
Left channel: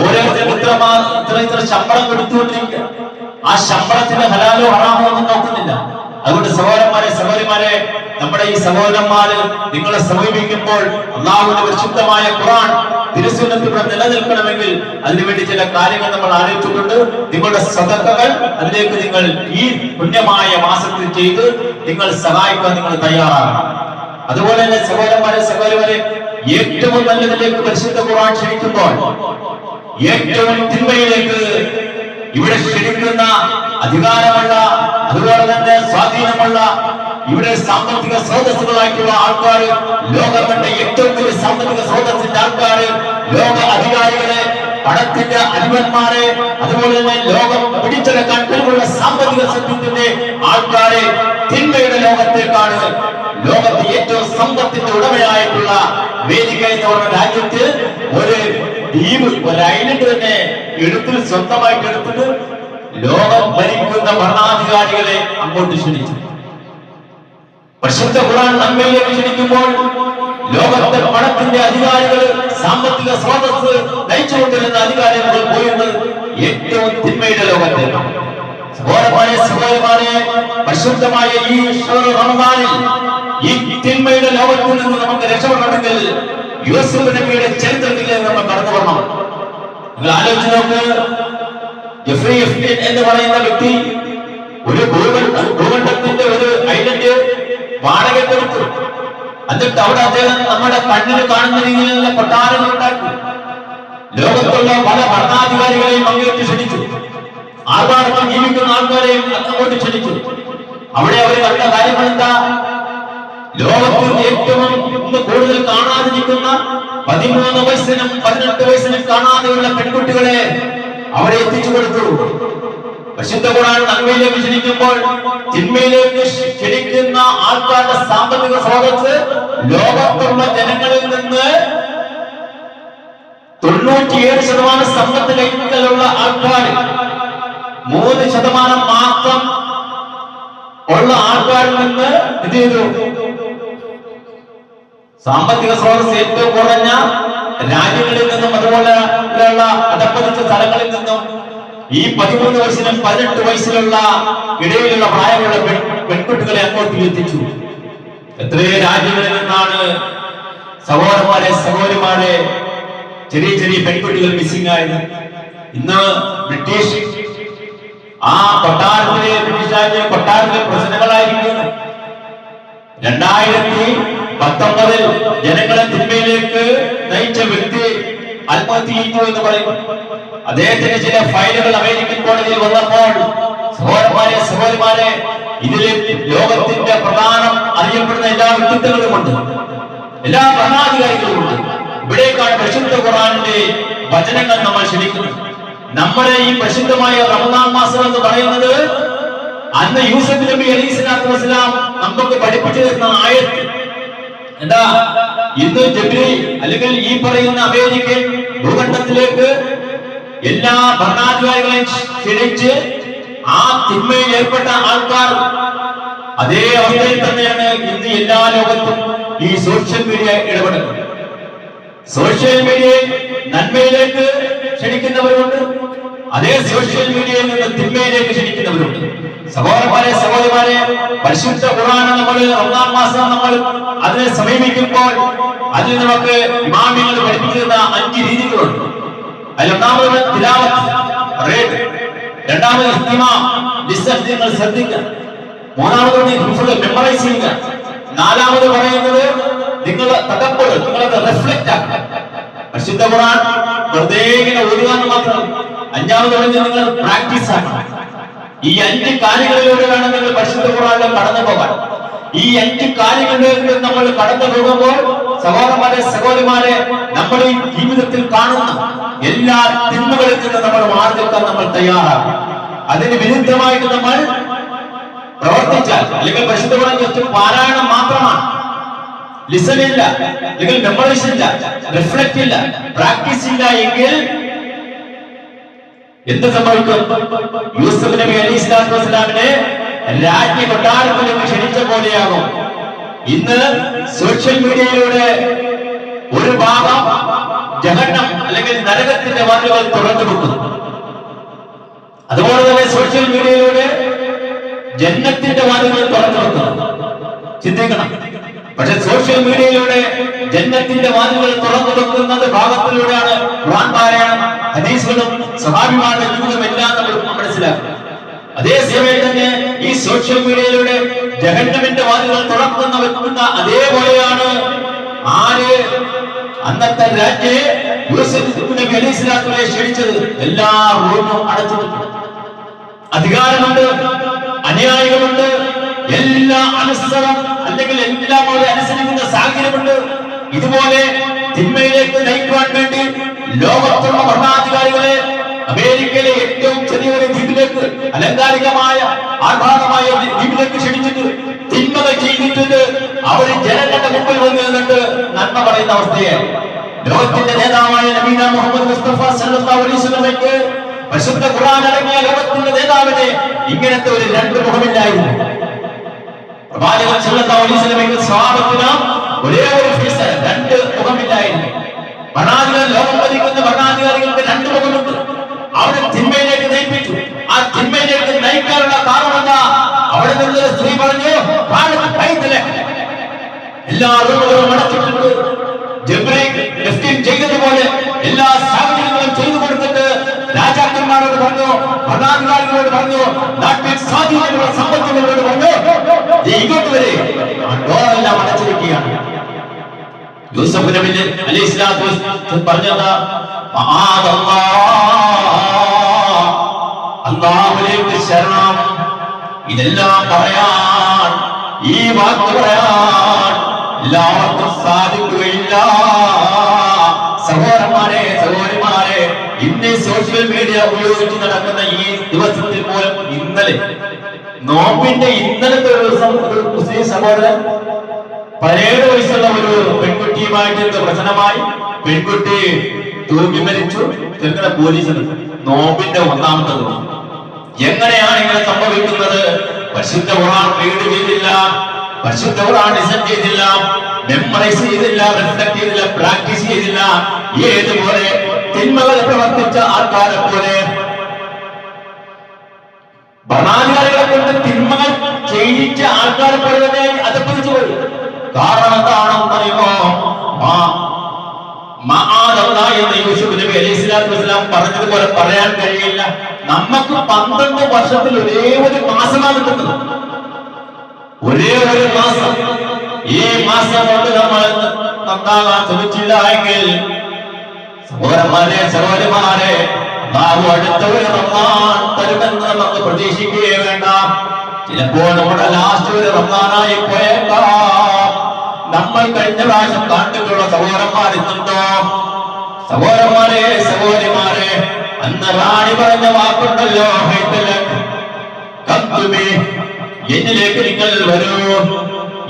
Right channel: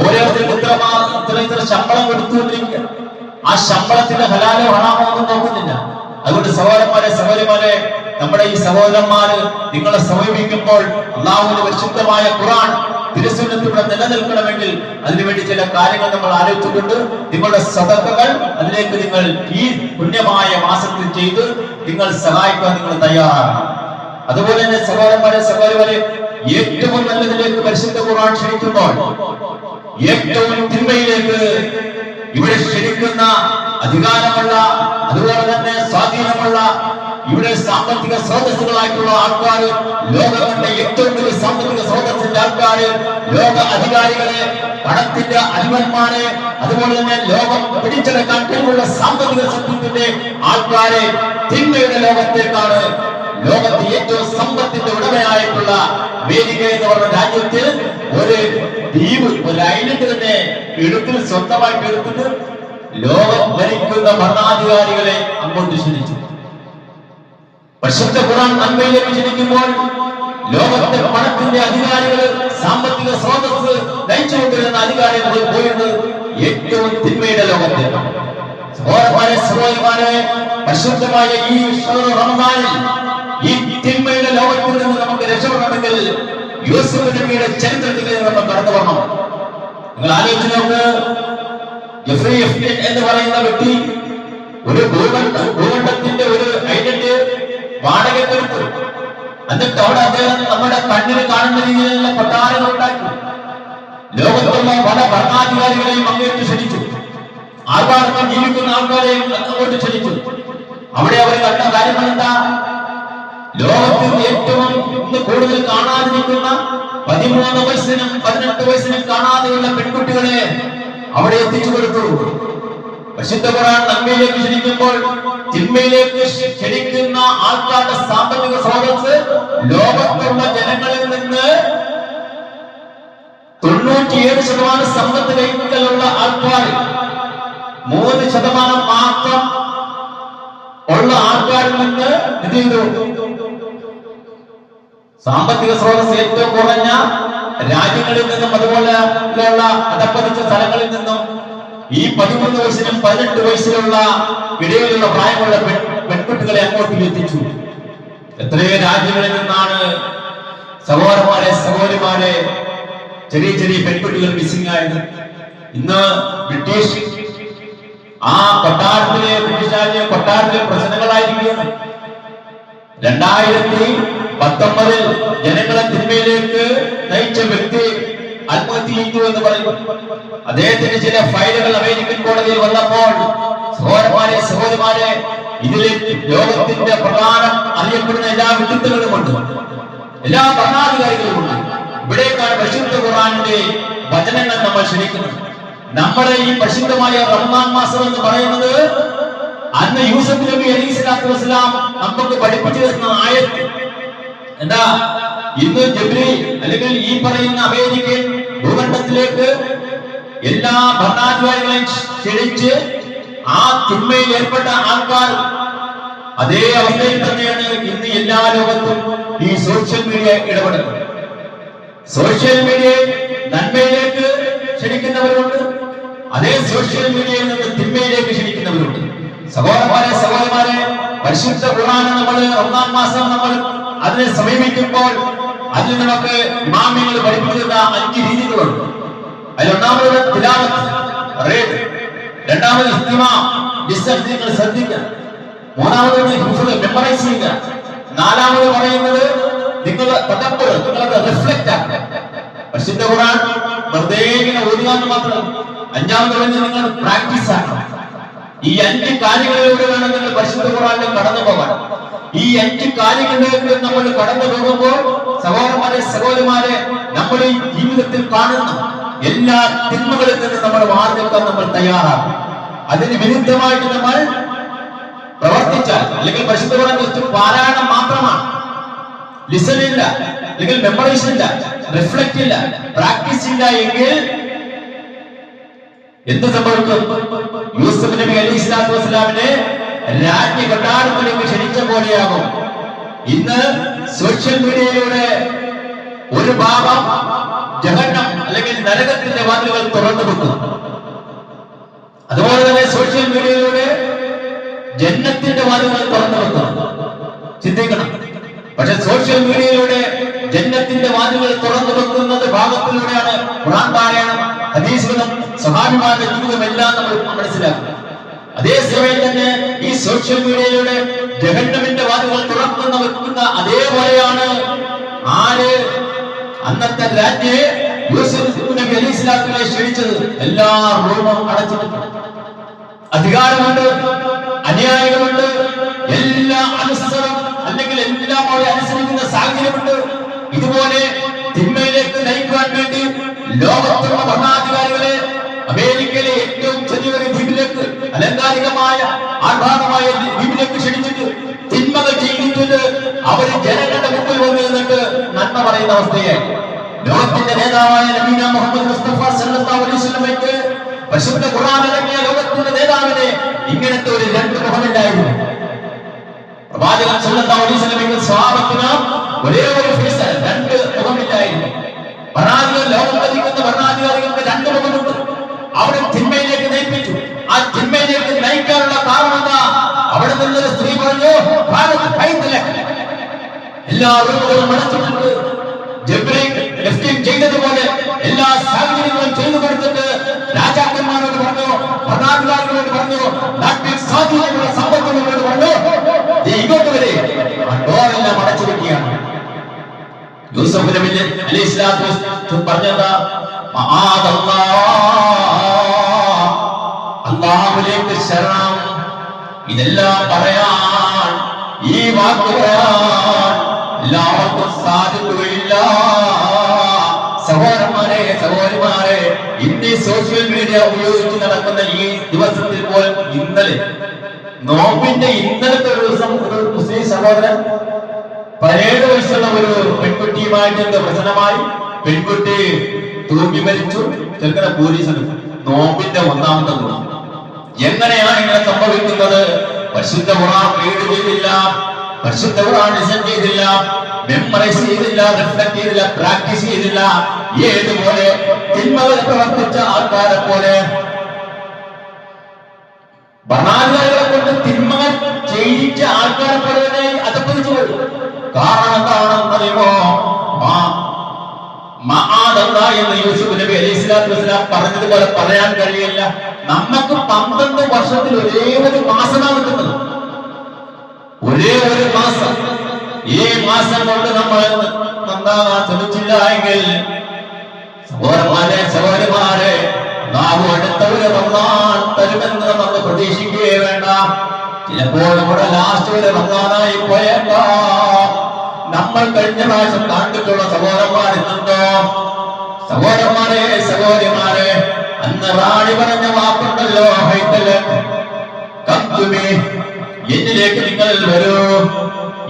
ഓരോരുത്തരും ഇത്ര ശമ്പളം കൊടുത്തുകൊണ്ടിരിക്കുക. ആ ശമ്പളത്തിന്റെ ഹലാലോ ഹറാമോ ഒന്നും നോക്കുന്നില്ല. അതുകൊണ്ട് സഹോദരന്മാരെ സഹോദരിമാരെ, നമ്മുടെ ഈ സഹോദരന്മാര് നിങ്ങളെ സമീപിക്കുമ്പോൾ അല്ലാഹുവിന്റെ പരിശുദ്ധമായ ഖുർആൻ തിരുസുന്നത്തിലൂടെ നിലനിൽക്കണമെങ്കിൽ അതിനുവേണ്ടി ചില കാര്യങ്ങൾ നമ്മൾ ആലോചിച്ചിട്ടുണ്ട്. നിങ്ങളുടെ സദഖകൾ അതിലേക്ക് നിങ്ങൾ ഈ പുണ്യമായ മാസത്തിൽ ചെയ്ത് നിങ്ങൾ സഹായിക്കാൻ നിങ്ങൾ തയ്യാറാണ്. അതുപോലെ തന്നെ സഹോദരന്മാരെ സഹോദരിമാരെ, ഏറ്റവും നല്ലതിലേക്ക് പരിശുദ്ധ ഖുർആൻ ക്ഷണിക്കുമ്പോൾ ഏറ്റവും തിന്മയിലേക്ക് ഇവിടെ ക്ഷണിക്കുന്ന അധികാരമുള്ള, അതുപോലെ തന്നെ സ്വാധീനമുള്ള, ഇവിടെ സാമ്പത്തിക സ്രോതസ്സുകളായിട്ടുള്ള ആൾക്കാർ, ലോകത്തിന്റെ ഏറ്റവും വലിയ സാമ്പത്തിക സ്രോതസ്സിന്റെ ആൾക്കാർ, ലോക അധികാരികളെ, പണത്തിന്റെ അധിപന്മാരെ, അതുപോലെ തന്നെ ലോകം പിടിച്ചെടുക്കാൻ കഴിവുള്ള സാമ്പത്തിക ശക്തിയുടെ ആൾക്കാരെ തിന്മയുടെ ലോകത്തേക്കാണ്, ലോകത്തെ ഏറ്റവും സമ്പത്തിന്റെ ഉടമയായിട്ടുള്ള വേദിക എന്ന് പറഞ്ഞ രാജ്യത്ത് ഒരു ദ്വീപ്, ഒരു ഐലൻഡ് തന്നെ എടുത്ത് സ്വന്തമായിട്ട് എടുത്തിട്ട് ലോകം ഭരിക്കുന്ന ഭരണാധികാരികളെ അങ്ങോട്ട് ക്ഷണിച്ചു. പരിശുദ്ധ ഖുർആൻ നന്മയിലേക്ക് ക്ഷണിക്കുമ്പോൾ ലോകത്തെ പണത്തിന്റെ അധികാരികൾ, സാമ്പത്തിക സ്രോതസ് നയിച്ചുകൊണ്ടിരുന്ന അധികാരികൾ പോയിരുന്നത് ഏറ്റവും തിന്മയുടെ ലോകത്തേക്കാണ്. സഹോദരന്മാരെ സഹോദരിമാരെ, പരിശുദ്ധമായ ഈ റമദാനിൽ ഈ തിന്മയുടെ ലോകത്തിൽ നിന്ന് നമുക്ക് രക്ഷപ്പെടണമെങ്കിൽ യൂസുഫ് നബിയുടെ ചരിത്രത്തിലേക്ക് നമ്മൾ കടന്നു വരണം. നിങ്ങൾ ആലോചിച്ച് നോക്ക്, ജെഫ്രി എഫ്റ്റിൻ എന്ന് പറയുന്ന വ്യക്തി ഒരു ഭൂഖണ്ഡത്തിന്റെ ഒരു ഐലൻഡ് വാടകയ്ക്കെടുത്തു. എന്നിട്ട് അവിടെ അദ്ദേഹം നമ്മുടെ കണ്ണിന് കാണുന്ന രീതിയിലുള്ള കൊട്ടാരങ്ങൾ ഉണ്ടാക്കി. ലോകത്തുള്ള പല ഭരണാധികാരികളെയും അങ്ങേറ്റ് ക്ഷണിച്ചു. ആർഭാടത്തിൽ ജീവിക്കുന്ന ആൾക്കാരെയും അങ്ങോട്ട് ക്ഷണിച്ചു. അവിടെ അവർ കണ്ട കാര്യങ്ങൾ എന്താ? ലോകത്തിൽ ഏറ്റവും ഇന്ന് കൂടുതൽ കാണാതിരിക്കുന്ന 13 വയസ്സിനും 18 വയസ്സിനും കാണാതെയുള്ള പെൺകുട്ടികളെ അവരെ എത്തിച്ചു കൊടുത്തു. പരിശുദ്ധ ഖുർആൻ നന്മയിലേക്ക് ക്ഷണിക്കുമ്പോൾ തിന്മയിലേക്ക് ക്ഷണിക്കുന്ന ആൾക്കാരുടെ സാമ്പത്തിക സ്രോതസ് ലോകത്തുള്ള ജനങ്ങളിൽ നിന്ന് 97% സമ്പത്ത് കൈക്കലുള്ള ആൾക്കാർ 3% മാത്രം ഉള്ള ആൾക്കാരിൽ നിന്ന് ഇത് ചെയ്തു. സാമ്പത്തിക സ്രോതസ് ഏറ്റവും കുറഞ്ഞ രാജ്യങ്ങളിൽ നിന്നും അതുപോലെയുള്ള അധപ്പതിച്ച സ്ഥലങ്ങളിൽ നിന്നും ഈ 13 വയസ്സിനും 18 വയസ്സിലുള്ള ഇടയിലുള്ള പ്രായമുള്ള പെൺകുട്ടികളെ അങ്ങോട്ട് എത്തിച്ചു. എത്രയോ രാജ്യങ്ങളിൽ നിന്നാണ് സഹോദരന്മാരെ സഹോദരിമാരെ ചെറിയ ചെറിയ പെൺകുട്ടികൾ മിസ്സിംഗ് ആയത്. ഇന്ന് ബ്രിട്ടീഷ് ആ കൊട്ടാരത്തിലെ ബ്രിട്ടീഷ് രാജ്യം കൊട്ടാരത്തിലെ പ്രശ്നങ്ങളായിരിക്കുകയാണ്. 2019 ജനങ്ങളെ തിന്മയിലേക്ക് നയിച്ച വ്യക്തി ആത്മഹത്യ ചെയ്തു എന്ന് പറയുന്നു. അദ്ദേഹത്തിന് ചില ഫയലുകൾ അമേരിക്കൻ കോടതിയിൽ വന്നപ്പോൾ സഹോദരന്മാരെ സഹോദരിമാരെ, ഇതിൽ ലോകത്തിന്റെ പ്രധാനം അറിയപ്പെടുന്ന എല്ലാ വ്യക്തിത്വങ്ങളുമുണ്ട്, എല്ലാ ഭരണാധികാരികളുമുണ്ട്. ഇവിടേക്കാണ് പരിശുദ്ധ ഖുർആനിന്റെ വചനങ്ങൾ നമ്മൾ ക്ഷണിക്കുന്നത്. നമ്മുടെ ഈ പരിശുദ്ധമായ റമദാൻ മാസം എന്ന് പറയുന്നത് അന്ന് യൂസുഫ് നബി അലൈഹി സ്വലാത്തു വസ്സലാം നമുക്ക് പഠിപ്പിച്ചു തരുന്ന ആയത്ത് എന്താ? ഇന്ന് ജിബ്രീൽ അല്ലെങ്കിൽ ഈ പറയുന്ന അമേരിക്കൻ ഭൂഖണ്ഡത്തിലേക്ക് എല്ലാ ഭരണാധികാരികളെയും ക്ഷണിച്ച് ആ തിന്മയിൽ ഏർപ്പെട്ട ആൾക്കാർ അതേ അവസ്ഥയിൽ തന്നെയാണ് ഇന്ന് എല്ലാ ലോകത്തും ഈ സോഷ്യൽ മീഡിയ ഇടപെടുന്നത്. സോഷ്യൽ മീഡിയയിൽ നന്മയിലേക്ക് ക്ഷണിക്കുന്നവരുണ്ട്, അതേ സോഷ്യൽ മീഡിയയിൽ നിന്ന് തിന്മയിലേക്ക് ക്ഷണിക്കുന്നവരുണ്ട്. സഹോദരന്മാരെ സഹോദരിമാരെ, പരിശുദ്ധ ഖുർആൻ നമ്മൾ റമദാൻ മാസം നമ്മൾ അതിനെ സമീപിക്കുമ്പോൾ അതിൽ നമുക്ക് ഇമാമികൾ പഠിപ്പിക്കുന്ന 5 രീതികളുണ്ട്. അതിലൊന്നാമത് തിലാവത്ത്, രണ്ടാമത് ഇസ്തിമാ, നിങ്ങൾ ശ്രദ്ധിക്കുക. മൂന്നാമത് മെമ്മറൈസ് ചെയ്യുക. നാലാമത് പറയുന്നത് നിങ്ങൾ തദബ്ബുർ, നിങ്ങൾക്ക് റിഫ്ലക്ട് ആക്കുക. പരിശുദ്ധ ഖുർആൻ വെറുതെ ഇങ്ങനെ ഓതുക മാത്രം. അഞ്ചാമത് പറഞ്ഞ് നിങ്ങൾ പ്രാക്ടീസ് ആക്കണം. ഈ 5 കാര്യങ്ങളിലൂടെയാണ് നിങ്ങൾ പരിശുദ്ധ ഖുർആനിൽ കടന്നു പോകാൻ. ഈ 5 കാര്യങ്ങളിലേക്ക് നമ്മൾ കടന്നു പോകുമ്പോൾ സഹോദരന്മാരെ സഹോദരിമാരെ, നമ്മൾ ഈ ജീവിതത്തിൽ കാണുന്ന എല്ലാ തിന്മകളിൽ നിന്ന് നമ്മൾ മാറി നിൽക്കാൻ നമ്മൾ തയ്യാറാകും. അതിന് വിരുദ്ധമായിട്ട് നമ്മൾ പ്രവർത്തിച്ചാൽ, അല്ലെങ്കിൽ പരിശുദ്ധ ഖുർആൻ ജസ്റ്റ് പാരായണം മാത്രമാണ്, ലിസൺ ഇല്ല, അല്ലെങ്കിൽ മെമ്മറൈസ് ഇല്ല, റിഫ്ലക്ട് ഇല്ല, പ്രാക്ടീസ് ഇല്ല എങ്കിൽ എന്ത് സംഭവിക്കും? യൂസുഫ് നബി അലൈഹി സ്വലാത്തു വസ്സലാമിനെ രാജ്ഞ കൊട്ടാരത്തിലേക്ക് ക്ഷണിച്ച പോലെയാകും. ഇന്ന് സോഷ്യൽ മീഡിയയിലൂടെ ഒരു ഭാഗം ജഹന്നം അല്ലെങ്കിൽ നരകത്തിന്റെ വാതിലുകൾ തുറന്നു കൊടുക്കുന്നു. അതുപോലെ തന്നെ സോഷ്യൽ മീഡിയയിലൂടെ ജന്നത്തിന്റെ വാതിലുകൾ തുറന്നു വെക്കണം. ചിന്തിക്കണം. പക്ഷെ സോഷ്യൽ മീഡിയയിലൂടെ ജന്നത്തിന്റെ വാതിലുകൾ തുറന്നു വെക്കുന്നത് ഭാഗത്തിലൂടെയാണ്. ഖുർആൻ പാരായണം, ഹദീസുകളും സഹാബിമാരുടെ ജീവിതം എല്ലാം നമ്മൾ മനസ്സിലാക്കണം. അതേസമയം തന്നെ ഈ സോഷ്യൽ മീഡിയയിലൂടെ ജഹന്നമിന്റെ വാതിലുകൾ തുറക്കുന്ന വെക്കുന്ന അതേപോലെയാണ് ആര് അന്നത്തെ രാജ്ഞിയെ യൂസുഫ് നബി അലൈഹി സ്വലാത്തുവിനെ ക്ഷണിച്ചത്. എല്ലാ റൂമും അടച്ചിട്ടുണ്ട്. അധികാരമുണ്ട്, അനുയായികളുണ്ട്, എല്ലാ അനുസരണം അല്ലെങ്കിൽ എല്ലാം അവരെ അനുസരിക്കുന്ന സാഹചര്യമുണ്ട്. ഇതുപോലെ തിന്മയിലേക്ക് നയിക്കുവാൻ വേണ്ടി ലോകത്തുള്ള ഭരണാധികാരികളെ അമേരിക്കയിലെ ഏറ്റവും ചെറിയൊരു ദ്വീപിലേക്ക്, അലങ്കാരികമായ ആഹ്ലാദമായ ദ്വീപിലേക്ക് ക്ഷണിച്ചിട്ട് തിന്മകൾ ചെയ്തിട്ട് അവര് ജനങ്ങളുടെ മുമ്പിൽ വന്ന് നിന്നിട്ട് നന്മ പറയുന്ന അവസ്ഥയെ ലോകത്തിന്റെ നേതാവായ നബീന മുഹമ്മദ് മുസ്തഫ സല്ലല്ലാഹു അലൈഹി വസല്ലമയ്ക്ക് പരിശുദ്ധ ഖുർആൻ അടങ്ങിയ ലോകത്തിന്റെ നേതാവിന് ഇങ്ങനത്തെ ഒരു രണ്ട് മുഖമില്ലായിരുന്നു. പ്രവാചകൻ സല്ലല്ലാഹു അലൈഹി വസല്ലമയ്ക്ക് സ്വഹാബത്തിന് ഒരേ ഒരു ഫേസ്, രണ്ട് മുഖമില്ലായിരുന്നു. ഭരണാധികാരി, ലോകം ഭരിക്കുന്ന ഭരണാധികാരികൾക്ക് രണ്ട് മുഖമുണ്ട്. അവരെ തിന്മയിലേക്ക് നയിപ്പിച്ചു. ആ തിന്മയിലേക്ക് നയിക്കാനുള്ള കാരണം എന്താ? അവിടെ നിന്നൊരു സ്ത്രീ പറഞ്ഞു, എല്ലാ റൂമുകളും അടച്ചിട്ടുണ്ട്. ചെയ്തതുപോലെ എല്ലാ സാഹചര്യങ്ങളും ചെയ്തു കൊടുത്തിട്ട് രാജാക്കന്മാരോട് പറഞ്ഞു, ഭരണാധികാരികളോട് പറഞ്ഞു, നാട്ടിൽ സ്വാധീനമുള്ള സമ്പത്തുകളോട് പറഞ്ഞു, ഇങ്ങോട്ട് വരെ ആ ഡോറെല്ലാം അടച്ചു വെക്കുകയാണ്. യൂസഫ് നബി അലൈഹി സ്വലാത്തു വസ്സലാം പറഞ്ഞതാ, അല്ലാഹുവിലേക്ക് ശരണം. ഇതെല്ലാം പറയാൻ, ഈ വാക്ക് പറയാൻ എല്ലാവർക്കും സാധിക്കുകയില്ല. സഹോദരന്മാരെ, സഹോദരിമാരെ, ഇന്ന് സോഷ്യൽ മീഡിയ ഉപയോഗിച്ച് നടക്കുന്ന ഈ ദിവസത്തിൽ പോലും, ഇന്നലെ നോമ്പിന്റെ ഇന്നലത്തെ ഒരു ദിവസം ഒരു മുസ്ലിം സഹോദരൻ 17 വയസ്സുള്ള ഒരു പെൺകുട്ടിയുമായിട്ട് പ്രശ്നമായി. പെൺകുട്ടി തൂങ്ങി മരിച്ചു. ചെറുക്കനെ പോലീസ് നോമ്പിന്റെ 1ാമത്തെ ദിവസം. എങ്ങനെയാണ് ഇങ്ങനെ സംഭവിക്കുന്നത്? പരിശുദ്ധ ഖുർആൻ റീഡ് ചെയ്തില്ല, പരിശുദ്ധ ഖുർആൻ ലിസൺ ചെയ്തില്ല, മെമ്മറൈസ് ചെയ്തില്ല, റിഫ്ലക്ട് ചെയ്തില്ല, പ്രാക്ടീസ് ചെയ്തില്ല. ഏതുപോലെ തിന്മകൾ പ്രവർത്തിച്ച ആൾക്കാരെ പോലെ, ഭരണാധികാരികളെ കൊണ്ട് തിന്മകൾ ചെയ്യിച്ച ആൾക്കാരെ പോലെ തന്നെ അതപ്പതിച്ചു പോയി. കാരണം എന്താണെന്ന് അറിയുമോ? എന്ന് യൂസുഫ് നബി അലൈഹി സ്വലാത്തു വസ്സലാം പറഞ്ഞതുപോലെ പറയാൻ കഴിയില്ല. നമുക്ക് 12 വർഷത്തിൽ ഒരേ ഒരു മാസമാണ് കിട്ടുന്നത്. ഒരേ ഒരു മാസം. ഈ മാസം കൊണ്ട് നമ്മൾ നന്നാകാൻ ശ്രമിച്ചില്ല എങ്കിൽ, സഹോദരന്മാരെ, സഹോദരിമാരെ, നാം അടുത്ത ഒരു റമദാൻ തരുമെന്ന് നമുക്ക് പ്രതീക്ഷിക്കുകയേ വേണ്ട. ചിലപ്പോൾ നമ്മുടെ ലാസ്റ്റ് ഒരു റമദാനായി പോയേക്കാം. നമ്മൾ കഴിഞ്ഞ പ്രാവശ്യം കണ്ടിട്ടുള്ള സഹോദരന്മാർ ഇന്നുണ്ടോ? സഹോദരന്മാരെ, സഹോദരിമാരെ, അന്ന് റാണി പറഞ്ഞ വാക്കുണ്ടല്ലോ, എന്നിലേക്ക് നിങ്ങൾ വരൂ,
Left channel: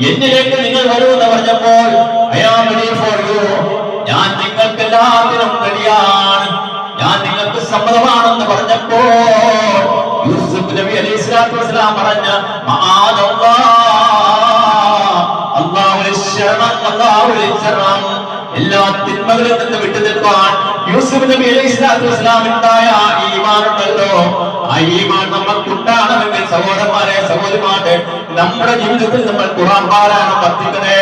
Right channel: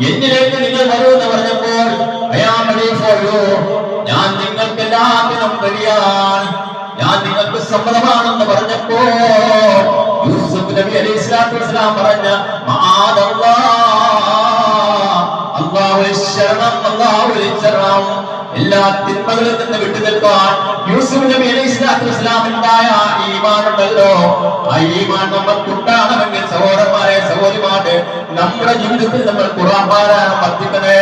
എന്നിലേക്ക് നിങ്ങൾ വരൂ എന്ന് പറഞ്ഞപ്പോൾ ഞാൻ നിങ്ങൾക്ക് എല്ലാത്തിനും റെഡിയാണ്, ഞാൻ നിങ്ങൾക്ക് സമ്മതമാണെന്ന് പറഞ്ഞപ്പോൾ യൂസുഫ് നബി അലൈഹി സ്വലാത്തു വസ്സലാം പറഞ്ഞ എല്ലാ തിന്മകളിൽ നിന്ന് വിട്ടു നിൽക്കാൻ യൂസുഫ് നബി അലൈഹി സ്വലാത്തു വസ്സലാമിനുണ്ടായ ഈമാൻ ഉണ്ടല്ലോ, ആ ഈമാൻ നമുക്കുണ്ടാകണമെങ്കിൽ സഹോദരന്മാരെ, സഹോദരിമാരെ, നമ്മുടെ ജീവിതത്തിൽ നമ്മൾ ഖുർആൻ പാരായണം വർദ്ധിക്കണേ.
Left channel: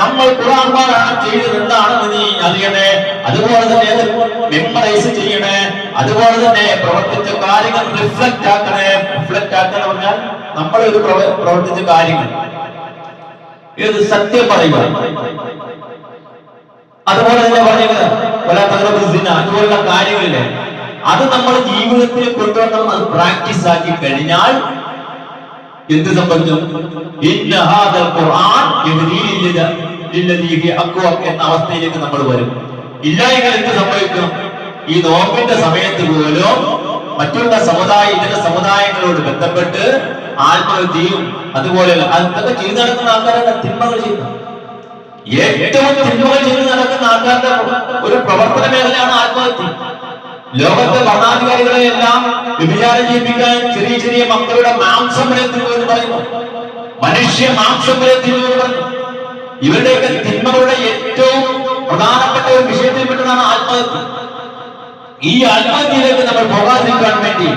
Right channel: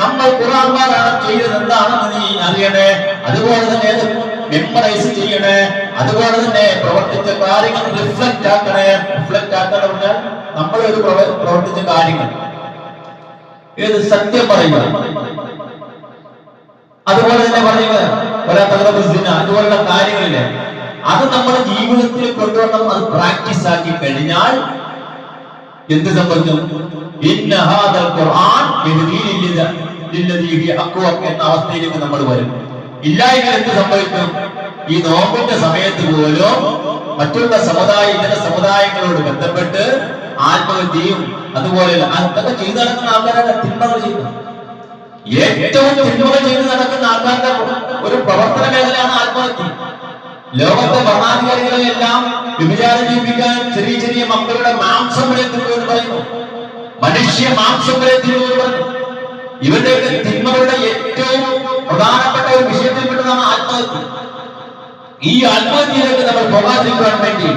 നമ്മൾ ഖുർആൻ പാരായണം ചെയ്തത് എന്താണെന്ന് നീ അറിയണേ. അതുപോലെ തന്നെ മെമ്മറൈസ് ചെയ്യണേ. അതുപോലെ തന്നെ പ്രവർത്തിച്ച കാര്യങ്ങൾ റിഫ്ലക്ട് ആക്കണേ. റിഫ്ലക്ട് ആക്കുക പറഞ്ഞാൽ നമ്മളൊരു പ്രവർത്തിച്ച കാര്യങ്ങൾ ഏത് സത്യം പറയുക, അതുപോലെ തന്നെ പറയുക അതുപോലുള്ള കാര്യങ്ങളില് അത് നമ്മുടെ ജീവിതത്തിൽ കൊണ്ടുവരണം. അത് പ്രാക്ടീസ് ആക്കി കഴിഞ്ഞാൽ എന്ത് സംഭവിക്കും? എന്ന അവസ്ഥയിലേക്ക് നമ്മൾ വരും. ഇല്ലായെങ്കിൽ എന്ത് സംഭവിക്കും? ഈ നോമ്പിന്റെ സമയത്ത് പോലും മറ്റുള്ള ഇതര സമുദായങ്ങളോട് ബന്ധപ്പെട്ട് ആത്മഹത്യയും അതുപോലെ അതൊക്കെ ചെയ്തു നടക്കുന്ന ആൾക്കാരാണ് തിന്മകൾ ചെയ്യുന്നത്. ഏറ്റവും തിന്മകൾ ചെയ്ത് നടക്കുന്ന ആൾക്കാരുടെ ഒരു പ്രവർത്തന മേഖലയാണ് ആത്മഹത്യ. ലോകത്തെ ഭരണാധികാരികളെ എല്ലാം വ്യഭിചാരം ചെയ്യിപ്പിക്കാൻ ചെറിയ ചെറിയ മക്കളുടെ മാംസം വരെ തിന്നുവെന്ന് പറയുന്നു. മനുഷ്യ മാംസം വരെ തിന്നുവെന്ന് പറഞ്ഞു. ഇവരുടെയൊക്കെ തിന്മകളുടെ ഏറ്റവും പ്രധാനപ്പെട്ട ഒരു വിഷയത്തിൽപ്പെട്ടതാണ് ആത്മഹത്യ. ഈ ആത്മഹത്യയിലേക്ക് നമ്മൾ പോകാതിരിക്കാൻ വേണ്ടി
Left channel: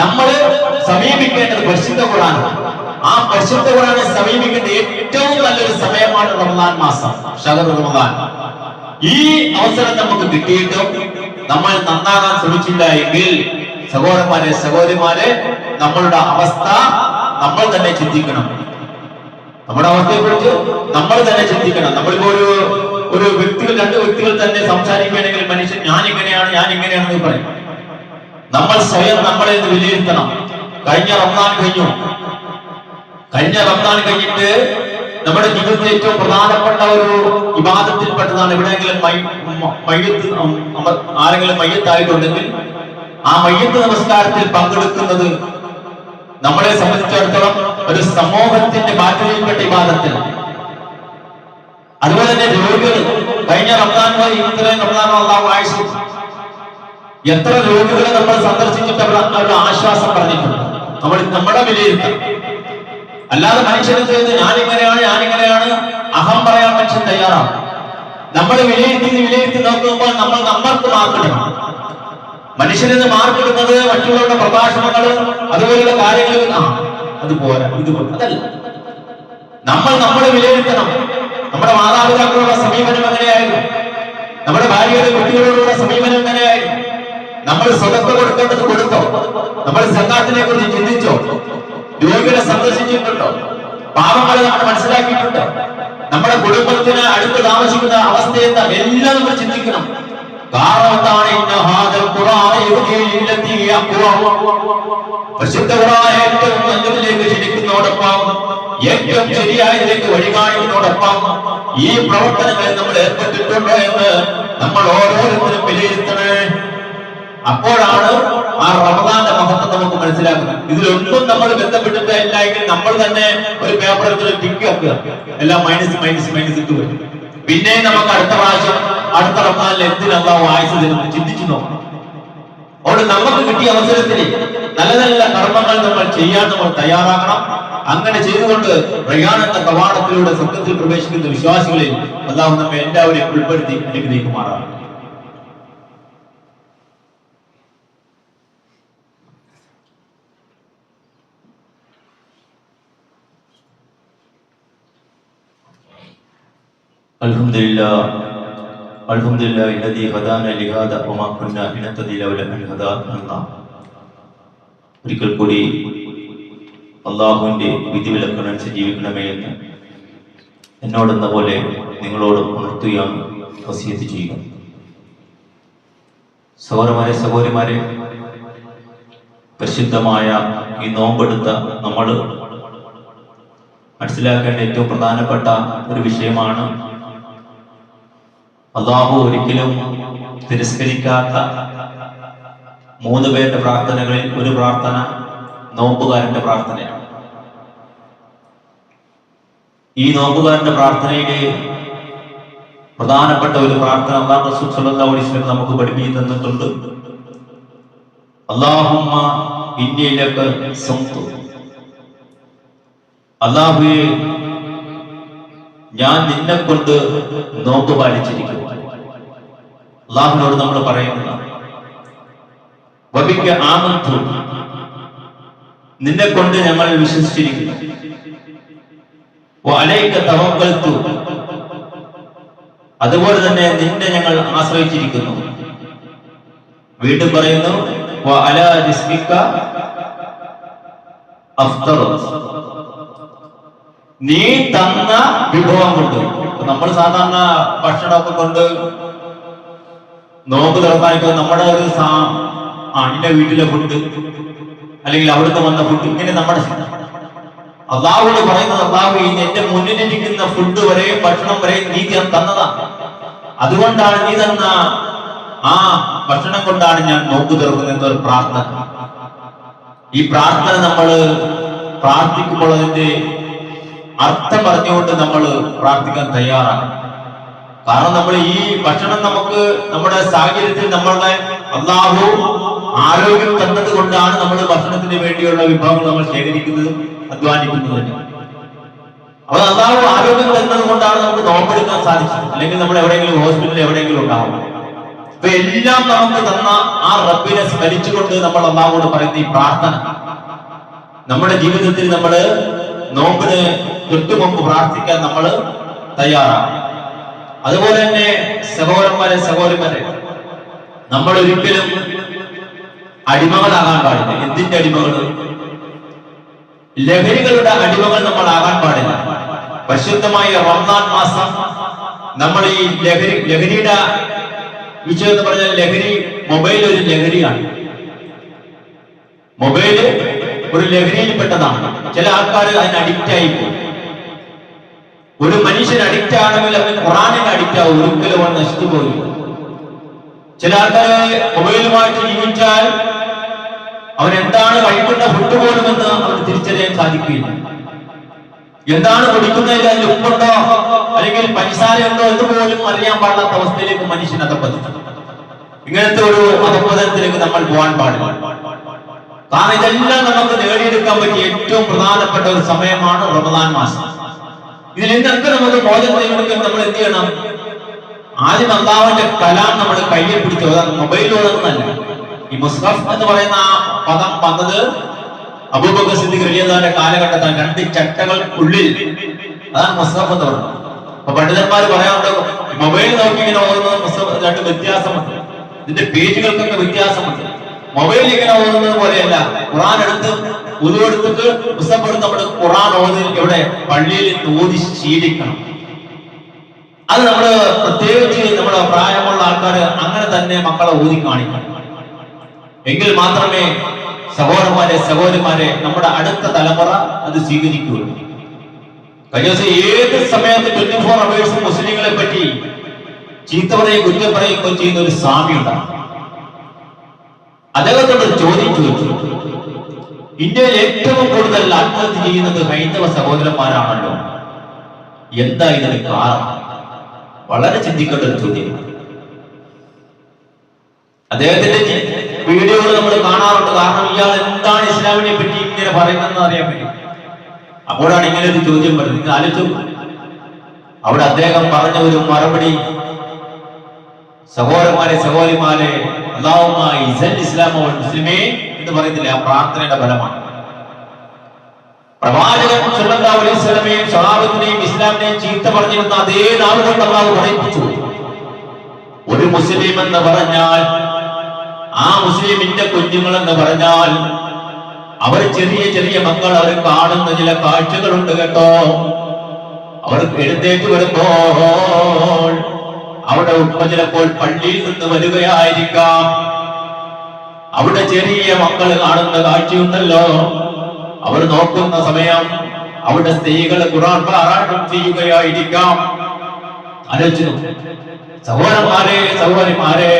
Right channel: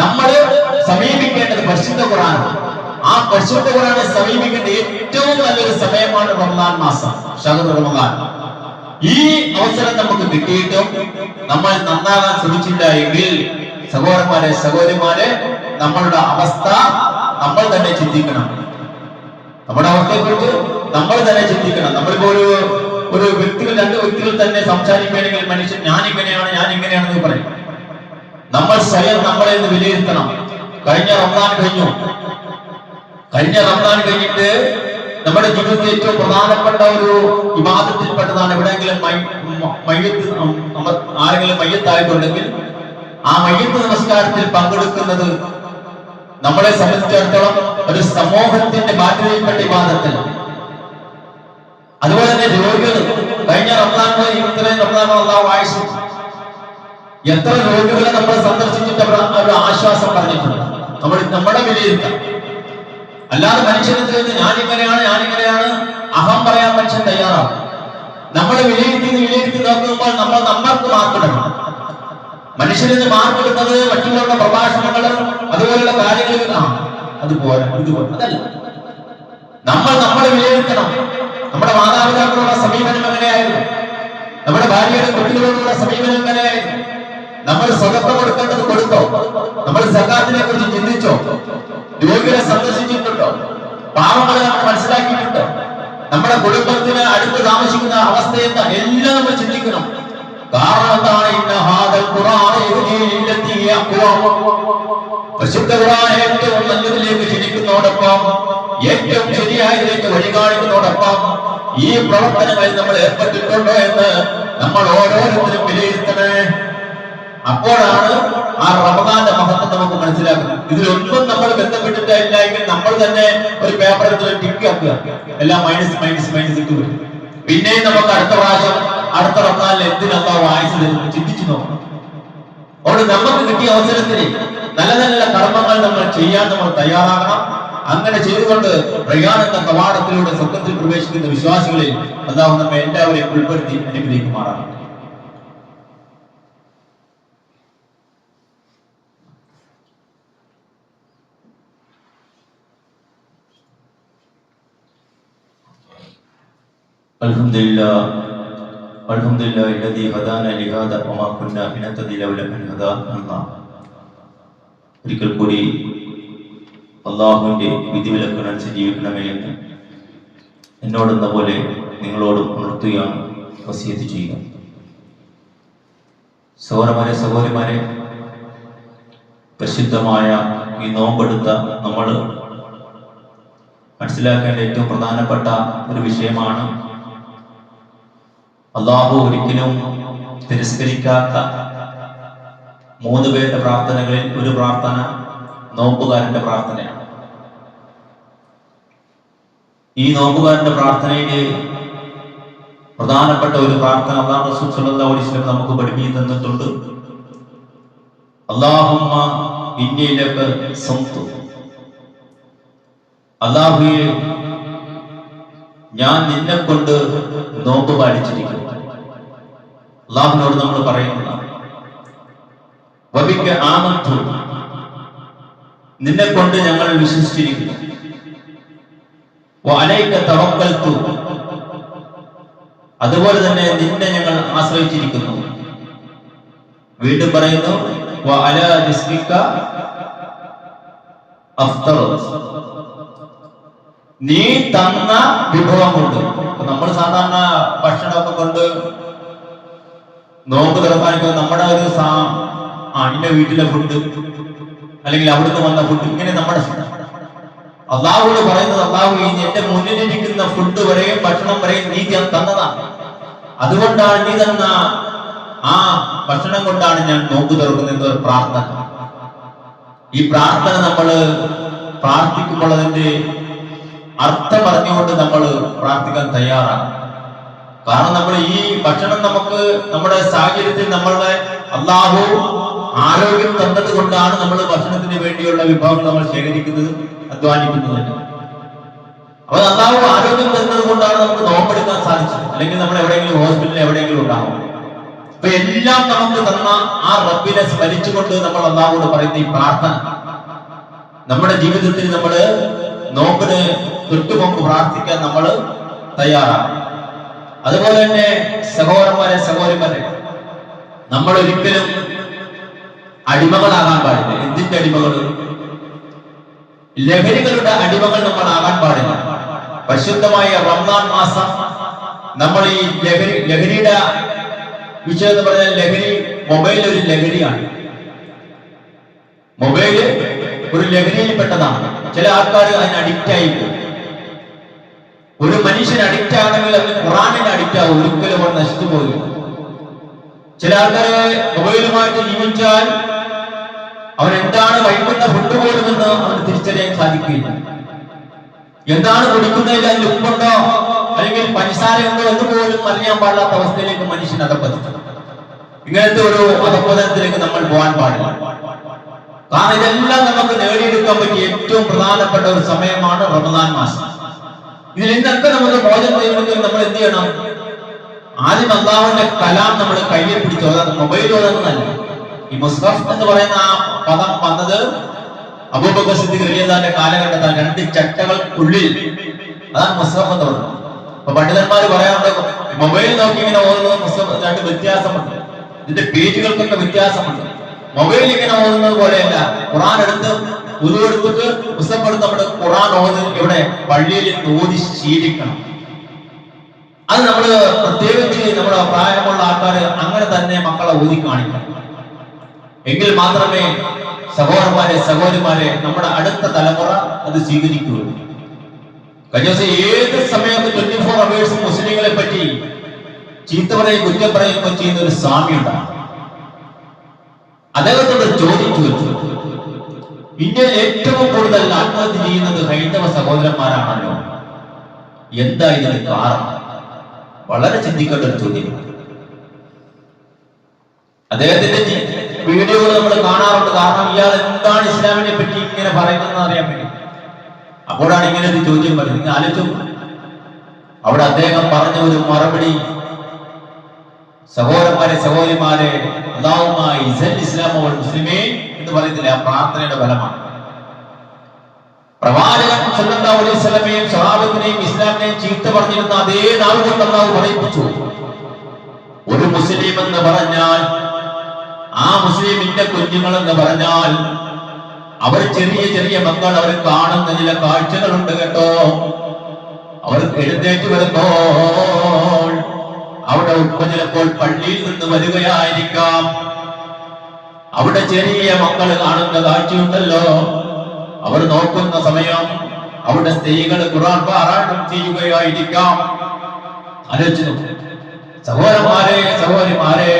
നമ്മൾ സമീപിക്കേണ്ടത് പരിശുദ്ധ ഖുർആൻ. ആ പരിശുദ്ധ ഖുർആനെ സമീപിക്കേണ്ട ഏറ്റവും നല്ലൊരു സമയമാണ് റമദാൻ മാസം, ശഹ്റു റമദാൻ. ഈ അവസരം നമുക്ക് കിട്ടിയിട്ടും നമ്മൾ നന്നാകാൻ ശ്രമിച്ചില്ല എങ്കിൽ സഹോദരന്മാരെ സഹോദരിമാരെ, നമ്മളുടെ അവസ്ഥ നമ്മൾ തന്നെ ചിന്തിക്കണം. നമ്മുടെ അവസ്ഥയെ കുറിച്ച് നമ്മൾ തന്നെ ചിന്തിക്കണം. നമ്മളിപ്പോ ഒരു വ്യക്തികൾ, രണ്ട് വ്യക്തികൾ തന്നെ സംസാരിക്കുകയാണെങ്കിൽ മനുഷ്യൻ ഞാൻ ഇങ്ങനെയാണെന്ന് പറയും. നമ്മൾ സ്വയം നമ്മളെ വിലയിരുത്തണം. കഴിഞ്ഞ റമദാൻ കഴിഞ്ഞിട്ട് നമ്മുടെ ജീവിതത്തിൽ ഏറ്റവും പ്രധാനപ്പെട്ട ഒരു ഇബാദത്തിൽപ്പെട്ടതാണ് എവിടെയെങ്കിലും ആരെങ്കിലും മയ്യത്തായിട്ടുണ്ടെങ്കിൽ ആ മയ്യത്ത് നമസ്കാരത്തിൽ പങ്കെടുക്കുന്നത് നമ്മളെ സംബന്ധിച്ചിടത്തോളം ഒരു സമൂഹത്തിന്റെ ബാധ്യതയിൽപ്പെട്ട ഇബാദത്തിൽ. അതുപോലെ തന്നെ രോഗികൾ, കഴിഞ്ഞ റമദാൻ വരെ ഇത്രയും റമദാൻ അല്ലാഹു ആയുസ് എത്ര രോഗികളെ നമ്മൾ സന്ദർശിച്ചിട്ട് അവരുടെ ആശ്വാസം പറഞ്ഞിട്ടുണ്ട്. നമ്മുടെ വിലയിരുത്തൽ. അല്ലാതെ മനുഷ്യനെ ചെയ്ത് ഞാനിങ്ങനെയാണ് അഹം പറയാൻ മനുഷ്യൻ തയ്യാറാണ്. നമ്മൾ വിലയിരുത്തി നോക്കുമ്പോൾ നമ്മൾക്ക് മാർക്കിടണം. മനുഷ്യന് മാർക്കിടുന്നത് മറ്റുള്ളവരുടെ പ്രഭാഷണങ്ങൾ അതുപോലുള്ള കാര്യങ്ങൾ അതുപോലെ അതല്ല. നമ്മൾ വിലയിരുത്തണം. നമ്മുടെ മാതാപിതാക്കളുടെ സമീപനം എങ്ങനെയായിരുന്നു? നമ്മുടെ ഭാര്യയുടെ കുട്ടികളോടുള്ള സമീപനം എങ്ങനെയായിരുന്നു? നമ്മൾ സ്വതന്ത്ര കൊടുക്കേണ്ടത് കൊടുത്തോ? നമ്മൾ സകാത്തിനെ കുറിച്ച് ചിന്തിച്ചോ? രോഗികളെ സന്ദർശിച്ചിട്ടുണ്ടോ? പാവങ്ങളെ നമ്മൾ മനസ്സിലാക്കിയിട്ടുണ്ടോ? നമ്മുടെ കുടുംബത്തിന് അടുത്ത് താമസിക്കുന്ന അവസ്ഥ എന്താ? എല്ലാം നമ്മൾ ചിന്തിക്കണം. പരിശുദ്ധ ഖുർആൻ ഏറ്റവും നല്ലതിലേക്ക് ക്ഷണിക്കുന്നതോടൊപ്പം ഏറ്റവും ശരിയായതിലേക്ക് വഴി കാണിക്കുന്നതോടൊപ്പം ഈ പ്രവർത്തനങ്ങളിൽ നമ്മൾ ഏർപ്പെട്ടിട്ടുണ്ടോ എന്ന് നമ്മൾ ഓരോരുത്തരും വിലയിരുത്തണേ. അപ്പോഴാണ് ആ റമദാന്റെ മഹത്വം നമുക്ക് മനസ്സിലാക്കുന്നത്. ഇതിലൊന്നും നമ്മൾ ബന്ധപ്പെട്ടിട്ടില്ല എങ്കിൽ നമ്മൾ തന്നെ ഒരു പേപ്പറിൽ ടിക്ക് ആക്കുക, എല്ലാം മൈനസ് ഇട്ട് വരും. പിന്നെ നമുക്ക് അടുത്ത റമദാനിൽ എന്തിനാ വായിച്ചു തരുന്നു ചിന്തിച്ചു നോക്കണം. അതുകൊണ്ട് നമുക്ക് കിട്ടിയ അവസരത്തിൽ നല്ല നല്ല കർമ്മങ്ങൾ നമ്മൾ ചെയ്യാൻ നമ്മൾ തയ്യാറാകണം. അങ്ങനെ ചെയ്തുകൊണ്ട് റയ്യാൻ എന്ന കവാടത്തിലൂടെ സ്വർഗ്ഗത്തിൽ പ്രവേശിക്കുന്ന വിശ്വാസികളിൽ അല്ലാഹു നമ്മെ എല്ലാവരെയും ഉൾപ്പെടുത്തി അനുഗ്രഹിക്കുമാറാണ്. അൽഹംദുലില്ലാഹി الذي هدانا لهذا وما كنا لنهتدي لولا أن هدانا الله. ഒരിക്കൽ കൂടി അല്ലാഹുവിന്റെ വിധിവിലക്കനുസരിച്ച് ജീവിക്കണമേ എന്ന് എന്നോടെന്ന പോലെ നിങ്ങളോടും ഉണർത്തുകയാണ്, വസിയത്ത് ചെയ്യുക. സഹോദരന്മാരെ പരിശുദ്ധമായ ഈ നോമ്പെടുത്ത നമ്മൾ മനസ്സിലാക്കേണ്ട ഏറ്റവും പ്രധാനപ്പെട്ട ഒരു വിഷയമാണ് അല്ലാഹു ഒരിക്കലും തിരസ്കരിക്കാത്ത 3 പേരുടെ പ്രാർത്ഥനകളിൽ ഒരു പ്രാർത്ഥന നോമ്പുകാരന്റെ പ്രാർത്ഥനയാണ്. ഈ നോമ്പുകാരന്റെ പ്രാർത്ഥനയുടെ പ്രധാനപ്പെട്ട ഒരു പ്രാർത്ഥന അല്ലാഹു റസൂൽ സ്വല്ലല്ലാഹു അലൈഹി വസല്ലം നമുക്ക് പഠിപ്പിച്ചു തന്നിട്ടുണ്ട്. അല്ലാഹുമ്മ ഇന്നി ലക സംതു, അല്ലാഹുവേ ഞാൻ നിന്നെ കൊണ്ട് നോമ്പ് പാലിച്ചിരിക്കുന്നു. അല്ലാഹുവിനോട് നമ്മൾ പറയുന്നതാണ് വബിക ആമന്തു, നിന്നെ കൊണ്ട് ഞങ്ങൾ വിശ്വസിച്ചിരിക്കുന്നു. വഅലൈക തവക്കൽതു, അതുപോലെ തന്നെ നിന്നെ ഞങ്ങൾ ആശ്രയിച്ചിരിക്കുന്നു. വീണ്ടും പറയുന്നു വഅലാ റിസ്കിക അഫ്തറു, നീ തന്ന വിഭവം കൊണ്ട്. നമ്മൾ സാധാരണ ഭക്ഷണമൊക്കെ കൊണ്ട് നോമ്പ് തുറക്കാനിപ്പോൾ നമ്മുടെ ഒരു ഇന്ന വീട്ടിലെ ഫുഡ് അല്ലെങ്കിൽ അവിടുന്ന് വന്ന ഫുഡ്, ഇങ്ങനെ നമ്മുടെ അല്ലാഹുവോട് പറയുന്നത് അല്ലാഹു എന്റെ മുന്നിലിരിക്കുന്ന ഫുഡ് വരെയും ഭക്ഷണം വരെയും നീ തന്നതാണ്. അതുകൊണ്ടാണ് നീ തന്ന ആ ഭക്ഷണം കൊണ്ടാണ് ഞാൻ നോമ്പ് തുറക്കുന്നത് എന്നൊരു പ്രാർത്ഥന. ഈ പ്രാർത്ഥന നമ്മൾ പ്രാർത്ഥിക്കുമ്പോൾ അതിന്റെ അർത്ഥം പറഞ്ഞുകൊണ്ട് നമ്മൾ പ്രാർത്ഥിക്കാൻ തയ്യാറാണ്. കാരണം നമ്മൾ ഈ ഭക്ഷണം നമുക്ക് നമ്മുടെ സാഹചര്യത്തിൽ നമ്മളുടെ അല്ലാഹു ആരോഗ്യം തന്നത് കൊണ്ടാണ് നമ്മൾ ഭക്ഷണത്തിന് വേണ്ടിയുള്ള വിഭവങ്ങൾ നമ്മൾ ശേഖരിക്കുന്നതും അധ്വാനിക്കുന്നതും. അപ്പോൾ അല്ലാഹു ആരോഗ്യം തന്നത് കൊണ്ടാണ് നമുക്ക് നോമ്പെടുക്കാൻ സാധിച്ചത്. അല്ലെങ്കിൽ നമ്മൾ എവിടെയെങ്കിലും ഹോസ്പിറ്റലിൽ എവിടെയെങ്കിലും ഉണ്ടാവും. അപ്പൊ എല്ലാം നമുക്ക് തന്ന ആ റബ്ബിനെ സ്മരിച്ചുകൊണ്ട് നമ്മൾ അല്ലാഹുവോട് പറയുന്ന ഈ പ്രാർത്ഥന നമ്മുടെ ജീവിതത്തിൽ നമ്മൾ നോമ്പിന് തൊട്ടു മുമ്പ് പ്രാർത്ഥിക്കാൻ നമ്മൾ തയ്യാറാണ്. അതുപോലെ തന്നെ സഹോദരന്മാരെ സഹോദരിമാരെ, നമ്മൾ ഒരിക്കലും അടിമകളാകാൻ പാടില്ല. എന്തിന്റെ അടിമകൾ? ലഹരികളുടെ അടിമകൾ നമ്മൾ ആകാൻ പാടില്ല. പരിശുദ്ധമായ റമദാൻ മാസം നമ്മൾ ഈ ലഹരിയുടെ വിഷയം എന്ന് പറഞ്ഞാൽ ലഹരി, മൊബൈൽ ഒരു ലഹരിയാണ്. മൊബൈല് ഒരു ലഹരിയിൽ പെട്ടതാണ്. ചില ആൾക്കാർ അതിന് അഡിക്റ്റ് ആയി പോകും. ഒരു മനുഷ്യൻ അഡിക്റ്റ് ആണെങ്കിൽ അവൻ ഖുറാനിന് അഡിക്റ്റ് ആവും, ഒരിക്കലും അവൻ നശിച്ചു പോകില്ല. ചില ആൾക്കാരെ മൊബൈലുമായിട്ട് ജീവിച്ചാൽ അവൻ എന്താണ് കഴിക്കുന്ന ഫുഡ് പോലും എന്ന് അവന് തിരിച്ചറിയാൻ സാധിക്കില്ല. എന്താണ് കുടിക്കുന്നതിൽ അതിന്റെ ഉപ്പുണ്ടോ അല്ലെങ്കിൽ പഞ്ചസാരയുണ്ടോ എന്ന് പോലും അറിയാൻ പാടില്ലാത്ത അവസ്ഥയിലേക്ക് മനുഷ്യൻ അധപ്പതിച്ചു. ഇങ്ങനത്തെ ഒരു അധപ്പതനത്തിലേക്ക് നമ്മൾ പോകാൻ പാടില്ല. കാരണം ഇതെല്ലാം നമുക്ക് നേടിയെടുക്കാൻ പറ്റിയ ഏറ്റവും പ്രധാനപ്പെട്ട ഒരു സമയമാണ് റമദാൻ മാസം. ഇതിൽ നിന്നൊക്കെ നമുക്ക് മോചനം നേടുമെങ്കിൽ നമ്മൾ എന്ത് ചെയ്യണം? ആദ്യം അല്ലാഹുവിന്റെ കലാം നമ്മൾ കയ്യിൽ പിടിച്ചു. അതാണ് മൊബൈലുകളൊന്നല്ല. ഈ മുസ്ഹഫ് എന്ന് പറയുന്ന ആ പദം വന്നത് അബൂബക്കർ സിദ്ദീഖ് റളിയല്ലാഹുവിന്റെ കാലഘട്ടത്തിൽ 2 ചട്ടകൾക്കുള്ളിൽ, അതാണ് മുസ്ഹഫ് എന്ന് പറയുന്നത്. അപ്പൊ പണ്ഡിതന്മാർ പറയാറുണ്ട്, മൊബൈൽ നോക്കി ഇങ്ങനെ ഓതുന്നത് മുസ്ഹഫ് 2 വ്യത്യാസമുണ്ട്. ഇതിന്റെ പേജുകൾക്കൊക്കെ വ്യത്യാസമുണ്ട്. മൊബൈൽ ഇങ്ങനെ ഓതുന്നത് പോലെയല്ല. ഖുർആൻ എടുത്ത് ഉദു എടുത്തിട്ട് മുസ്ഹഫ് എടുത്ത് നമ്മുടെ ഖുർആൻ ഓതി ഇവിടെ പള്ളിയിൽ ഓതി ശീലിക്കണം. അത് നമ്മള് പ്രത്യേകിച്ച് നമ്മുടെ പ്രായമുള്ള ആൾക്കാർ അങ്ങനെ തന്നെ മക്കളെ ഓതി കാണിക്കണം. എങ്കിൽ മാത്രമേ സഹോദരന്മാരെ സഹോദരിമാരെ നമ്മുടെ അടുത്ത തലമുറ അത് സ്വീകരിക്കുകയുള്ളൂ. കഴിഞ്ഞ ദിവസം ഏത് സമയത്ത് 24 hours മുസ്ലിങ്ങളെ പറ്റി ചീത്ത പറയും കുറ്റം പറയുകയോ ചെയ്യുന്ന ഒരു സ്വാമി ഉണ്ടാകും. അദ്ദേഹത്തോട് ചോദിച്ചു, ഇന്ത്യയിൽ ഏറ്റവും കൂടുതൽ ആത്മഹത്യ ചെയ്യുന്നത് ഹൈന്ദവ സഹോദരന്മാരാണല്ലോ, എന്താ ഇതിന് കാരണം? വളരെ ചിന്തിക്കേണ്ട ഒരു ചോദ്യം. അദ്ദേഹത്തിന്റെ വീഡിയോകൾ നമ്മൾ കാണാറുണ്ട്. കാരണം ഇയാൾ എന്താണ് ഇസ്ലാമിനെ പറ്റി ഇങ്ങനെ പറയുന്നതെന്ന് അറിയാൻ പറ്റും. അപ്പോഴാണ് ഇങ്ങനെ ഒരു ചോദ്യം വരുന്നത്. നിങ്ങൾ ആലോചിച്ചു, അവിടെ അദ്ദേഹം പറഞ്ഞ ഒരു മറുപടി, സഹോദരന്മാരെ സഹോദരിമാരെ, അല്ലാഹുമ്മ ഇസ്സൽ ഇസ്ലാമ വൽ മുസ്ലിമീൻ എന്ന് പറയുന്നില്ല, ആ പ്രാർത്ഥനയുടെ ഫലമാണ്. പ്രവാചകൻ സല്ലല്ലാഹു അലൈഹി വസല്ലമയും സ്വഹാബത്തിനെയും ഇസ്ലാമിനെയും ചീത്ത പറഞ്ഞിരുന്ന അതേ നാവ് കൊണ്ട് അല്ലാഹു പറയിപ്പിച്ചു. ഒരു മുസ്ലിം എന്ന് പറഞ്ഞാൽ, ആ മുസ്ലിമിന്റെ കുഞ്ഞുങ്ങൾ എന്ന് പറഞ്ഞാൽ, അവർ ചെറിയ ചെറിയ മക്കൾ, അവർ കാണുന്ന ചില കാഴ്ചകളുണ്ട് കേട്ടോ. അവർ എഴുന്നേറ്റ് വരുമ്പോൾ അവിടെ ഉപ്പ ചിലപ്പോൾ പള്ളിയിൽ നിന്ന് വരികയായിരിക്കാം. അവിടെ ചെറിയ മക്കൾ കാണുന്ന കാഴ്ചയുണ്ടല്ലോ, അവർ നോക്കുന്ന സമയം അവിടെ സ്ത്രീകൾ ഖുർആൻ പാരായണം ചെയ്യുകയായിരിക്കാം. ആലോചിച്ചു. സഹോദരന്മാരെ സഹോദരിമാരെ,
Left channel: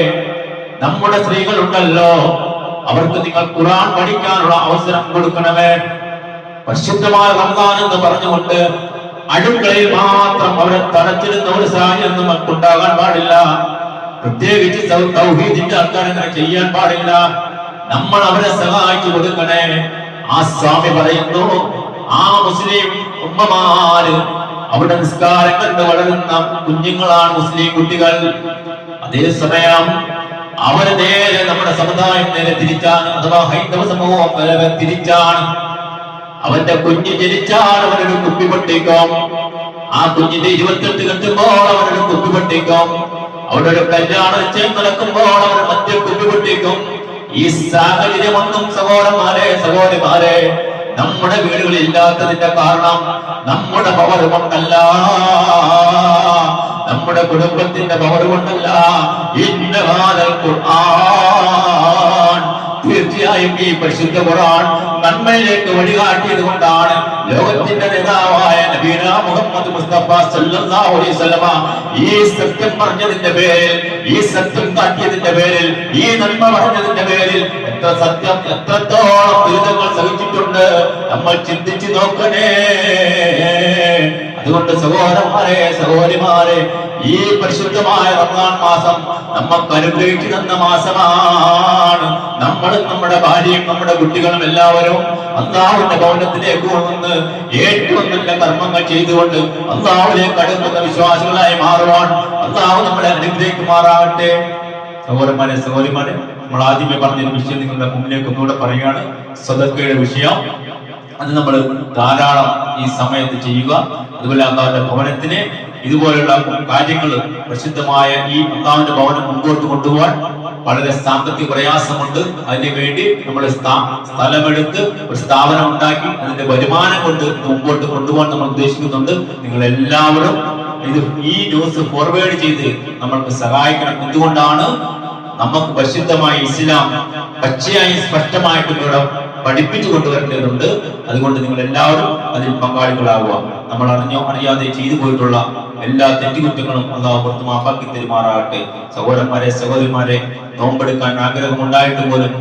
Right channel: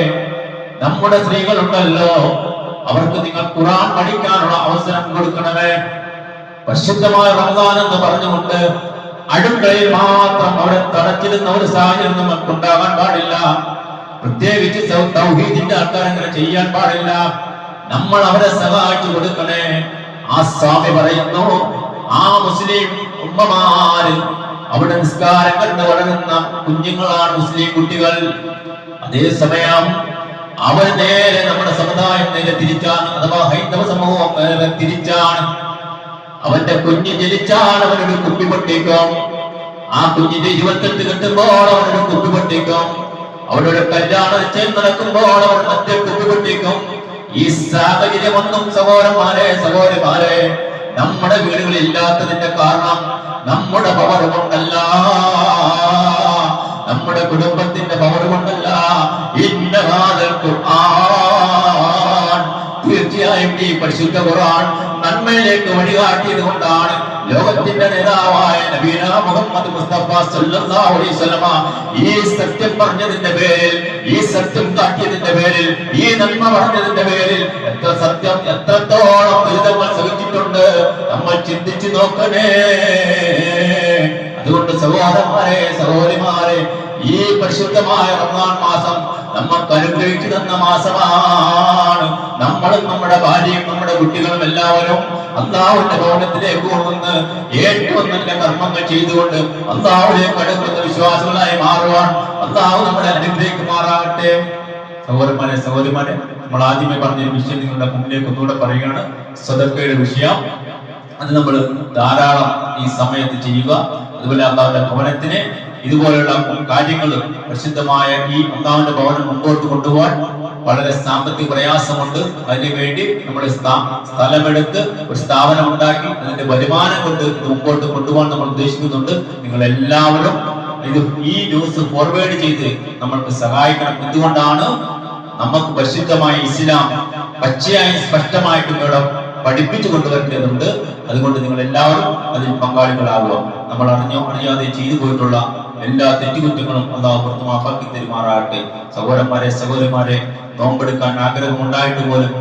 നമ്മുടെ സ്ത്രീകളുണ്ടല്ലോ, അവർക്ക് നിങ്ങൾ ഖുർആൻ പഠിക്കാനുള്ള അവസരം കൊടുക്കണമേ. പരിശുദ്ധമായ റമദാൻ എന്ന് പറഞ്ഞുകൊണ്ട് അടുക്കളയിൽ മാത്രം അവരെ തടച്ചിരുന്ന ഒരു സാഹചര്യം നമുക്കുണ്ടാകാൻ പാടില്ല. പ്രത്യേകിച്ച് തൗഹീദിന്റെ ആൾക്കാർ അങ്ങനെ ചെയ്യാൻ പാടില്ല. നമ്മൾ അവരെ സഹായിച്ചു കൊടുക്കണേ. ആ സ്വാമി പറയുന്നു, ആ മുസ്ലിം ഉമ്മമാര് അവിടെ നിസ്കാരം കണ്ട് വളരുന്ന കുഞ്ഞുങ്ങളാണ് മുസ്ലിം കുട്ടികൾ. അതേസമയം അവർ നേരെ നമ്മുടെ സമുദായം നേരെ തിരിച്ചാണ്, അഥവാ ഹൈന്ദവ സമൂഹം നേരെ തിരിച്ചാണ്. അവന്റെ കുഞ്ഞ് ജനിച്ചാൽ അവനൊരു കുപ്പി പൊട്ടിക്കും. ആ കുഞ്ഞിന്റെ 28 കെട്ടുമ്പോൾ അവനൊരു കുപ്പി പൊട്ടിക്കും. അവിടെ ഒരു കല്യാണം നിശ്ചയം നടക്കുമ്പോൾ അവർ മറ്റേ കുപ്പി പൊട്ടിക്കും. ഈ സാഹചര്യമൊന്നും സഹോദരന്മാരെ സഹോദരിമാരെ നമ്മുടെ വീടുകളിൽ ഇല്ലാത്തതിന്റെ കാരണം നമ്മുടെ പവർ കൊണ്ടല്ല, നമ്മുടെ കുടുംബത്തിന്റെ പവർ കൊണ്ടല്ല. ഇന്നഹാദൽ ഖുർആൻ, തീർച്ചയായും ഈ പരിശുദ്ധ ഖുർആൻ നന്മയിലേക്ക് വഴികാട്ടിയത് കൊണ്ടാണ് ലോകത്തിന്റെ നേതാവായ നബീന മുഹമ്മദ് മുസ്തഫ സല്ലല്ലാഹു അലൈഹി വസല്ലമ ഈ സത്യം പറഞ്ഞതിന്റെ പേരിൽ, ഈ സത്യം കാട്ടിയതിന്റെ പേരിൽ, ഈ നന്മ പറഞ്ഞതിന്റെ പേരിൽ എത്ര സത്യം, എത്രത്തോളം ദുരിതങ്ങൾ സഹിച്ചിട്ടുണ്ട് നമ്മൾ ചിന്തിച്ചു നോക്കണേ. അതുകൊണ്ട് സഹോദരന്മാരെ സഹോദരിമാരെ, ഈ പരിശുദ്ധമായ റമദാൻ മാസം നമുക്ക് അനുഗ്രഹിച്ചു തന്ന മാസമാണ്. നമ്മളും നമ്മുടെ ഭാര്യയും നമ്മുടെ കുട്ടികളും എല്ലാവരും അല്ലാഹുവിന്റെ ഭവനത്തിലേക്ക് കൊണ്ടുവന്ന് ഏറ്റവും നല്ല കർമ്മങ്ങൾ ചെയ്തുകൊണ്ട് അല്ലാഹുവിലേക്ക് അടുക്കുന്ന വിശ്വാസികളായി മാറുവാൻ അല്ലാഹു നമ്മളെ അനുഗ്രഹിക്കുമാറാകട്ടെ. സഹോദരന്മാരെ സഹോദരിമാരെ, നമ്മൾ ആദ്യമേ പറഞ്ഞൊരു വിഷയം നിങ്ങളുടെ മുന്നിലേക്ക് ഒന്നുകൂടെ പറയുകയാണ്. സദഖയുടെ വിഷയം അത് നമ്മൾ ധാരാളം ഈ സമയത്ത് ചെയ്യുക. അതുപോലെ അള്ളാഹുവിന്റെ ഭവനത്തിന് ഇതുപോലുള്ള കാര്യങ്ങൾ പ്രസിദ്ധമായ ഈ അള്ളാഹുവിന്റെ ഭവനം മുമ്പോട്ട് കൊണ്ടുപോകാൻ വളരെ സാമ്പത്തിക പ്രയാസമുണ്ട്. അതിനു വേണ്ടി നമ്മൾ സ്ഥലമെടുത്ത് ഒരു സ്ഥാപനം ഉണ്ടാക്കി അതിന്റെ വരുമാനം കൊണ്ട് മുമ്പോട്ട് കൊണ്ടുപോകാൻ നമ്മൾ ഉദ്ദേശിക്കുന്നുണ്ട്. നിങ്ങൾ എല്ലാവരും ഇത് ഈ ന്യൂസ് ഫോർവേഡ് ചെയ്ത് നമ്മൾക്ക് സഹായിക്കണം. എന്തുകൊണ്ടാണ്? നമുക്ക് പരിശുദ്ധമായ ഇസ്ലാം പച്ചയായി സ്പഷ്ടമായിട്ട് ഇവിടെ പഠിപ്പിച്ചു കൊണ്ടുവരേണ്ടതുണ്ട്. അതുകൊണ്ട് നിങ്ങൾ എല്ലാവരും അതിൽ പങ്കാളികളാകുക. നമ്മൾ അറിഞ്ഞോ അറിയാതെ ചെയ്തു പോയിട്ടുള്ള എല്ലാ തെറ്റുകുറ്റങ്ങളും അള്ളാഹു പുറത്ത് മാപ്പാക്കി തരുമാറാകട്ടെ. സഹോദരന്മാരെ സഹോദരിമാരെ, നോമ്പെടുക്കാൻ ആഗ്രഹമുണ്ടായിട്ട് പോലും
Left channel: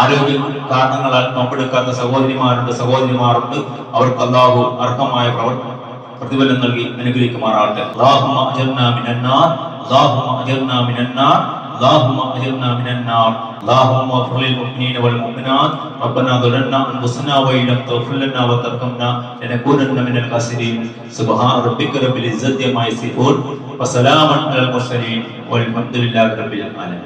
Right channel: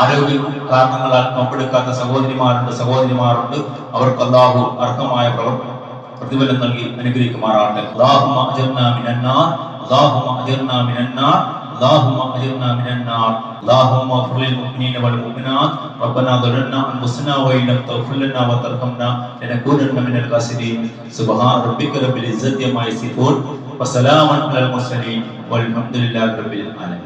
ആരോഗ്യ കാരണങ്ങളാൽ നോമ്പെടുക്കാത്ത സഹോദരിമാരുണ്ട്. അവർക്ക് അള്ളാഹു അർഹമായ പ്രതിഫലം നൽകി അനുഗ്രഹിക്കുമാറാകട്ടെ. അല്ലാഹുമ്മ അജിർനാ മിനന്നാർ, അല്ലാഹുമ്മ അജിർനാ മിനന്നാർ, اللهم اجرنا من النار. اللهم اغفر للمؤمنين والمؤمنات. ربنا ظلمنا انفسنا وان لم تغفر لنا وترحمنا لنكونن من الخاسرين. سبحان ربك رب العزة عما يصفون وسلام على المرسلين والحمد لله رب العالمين.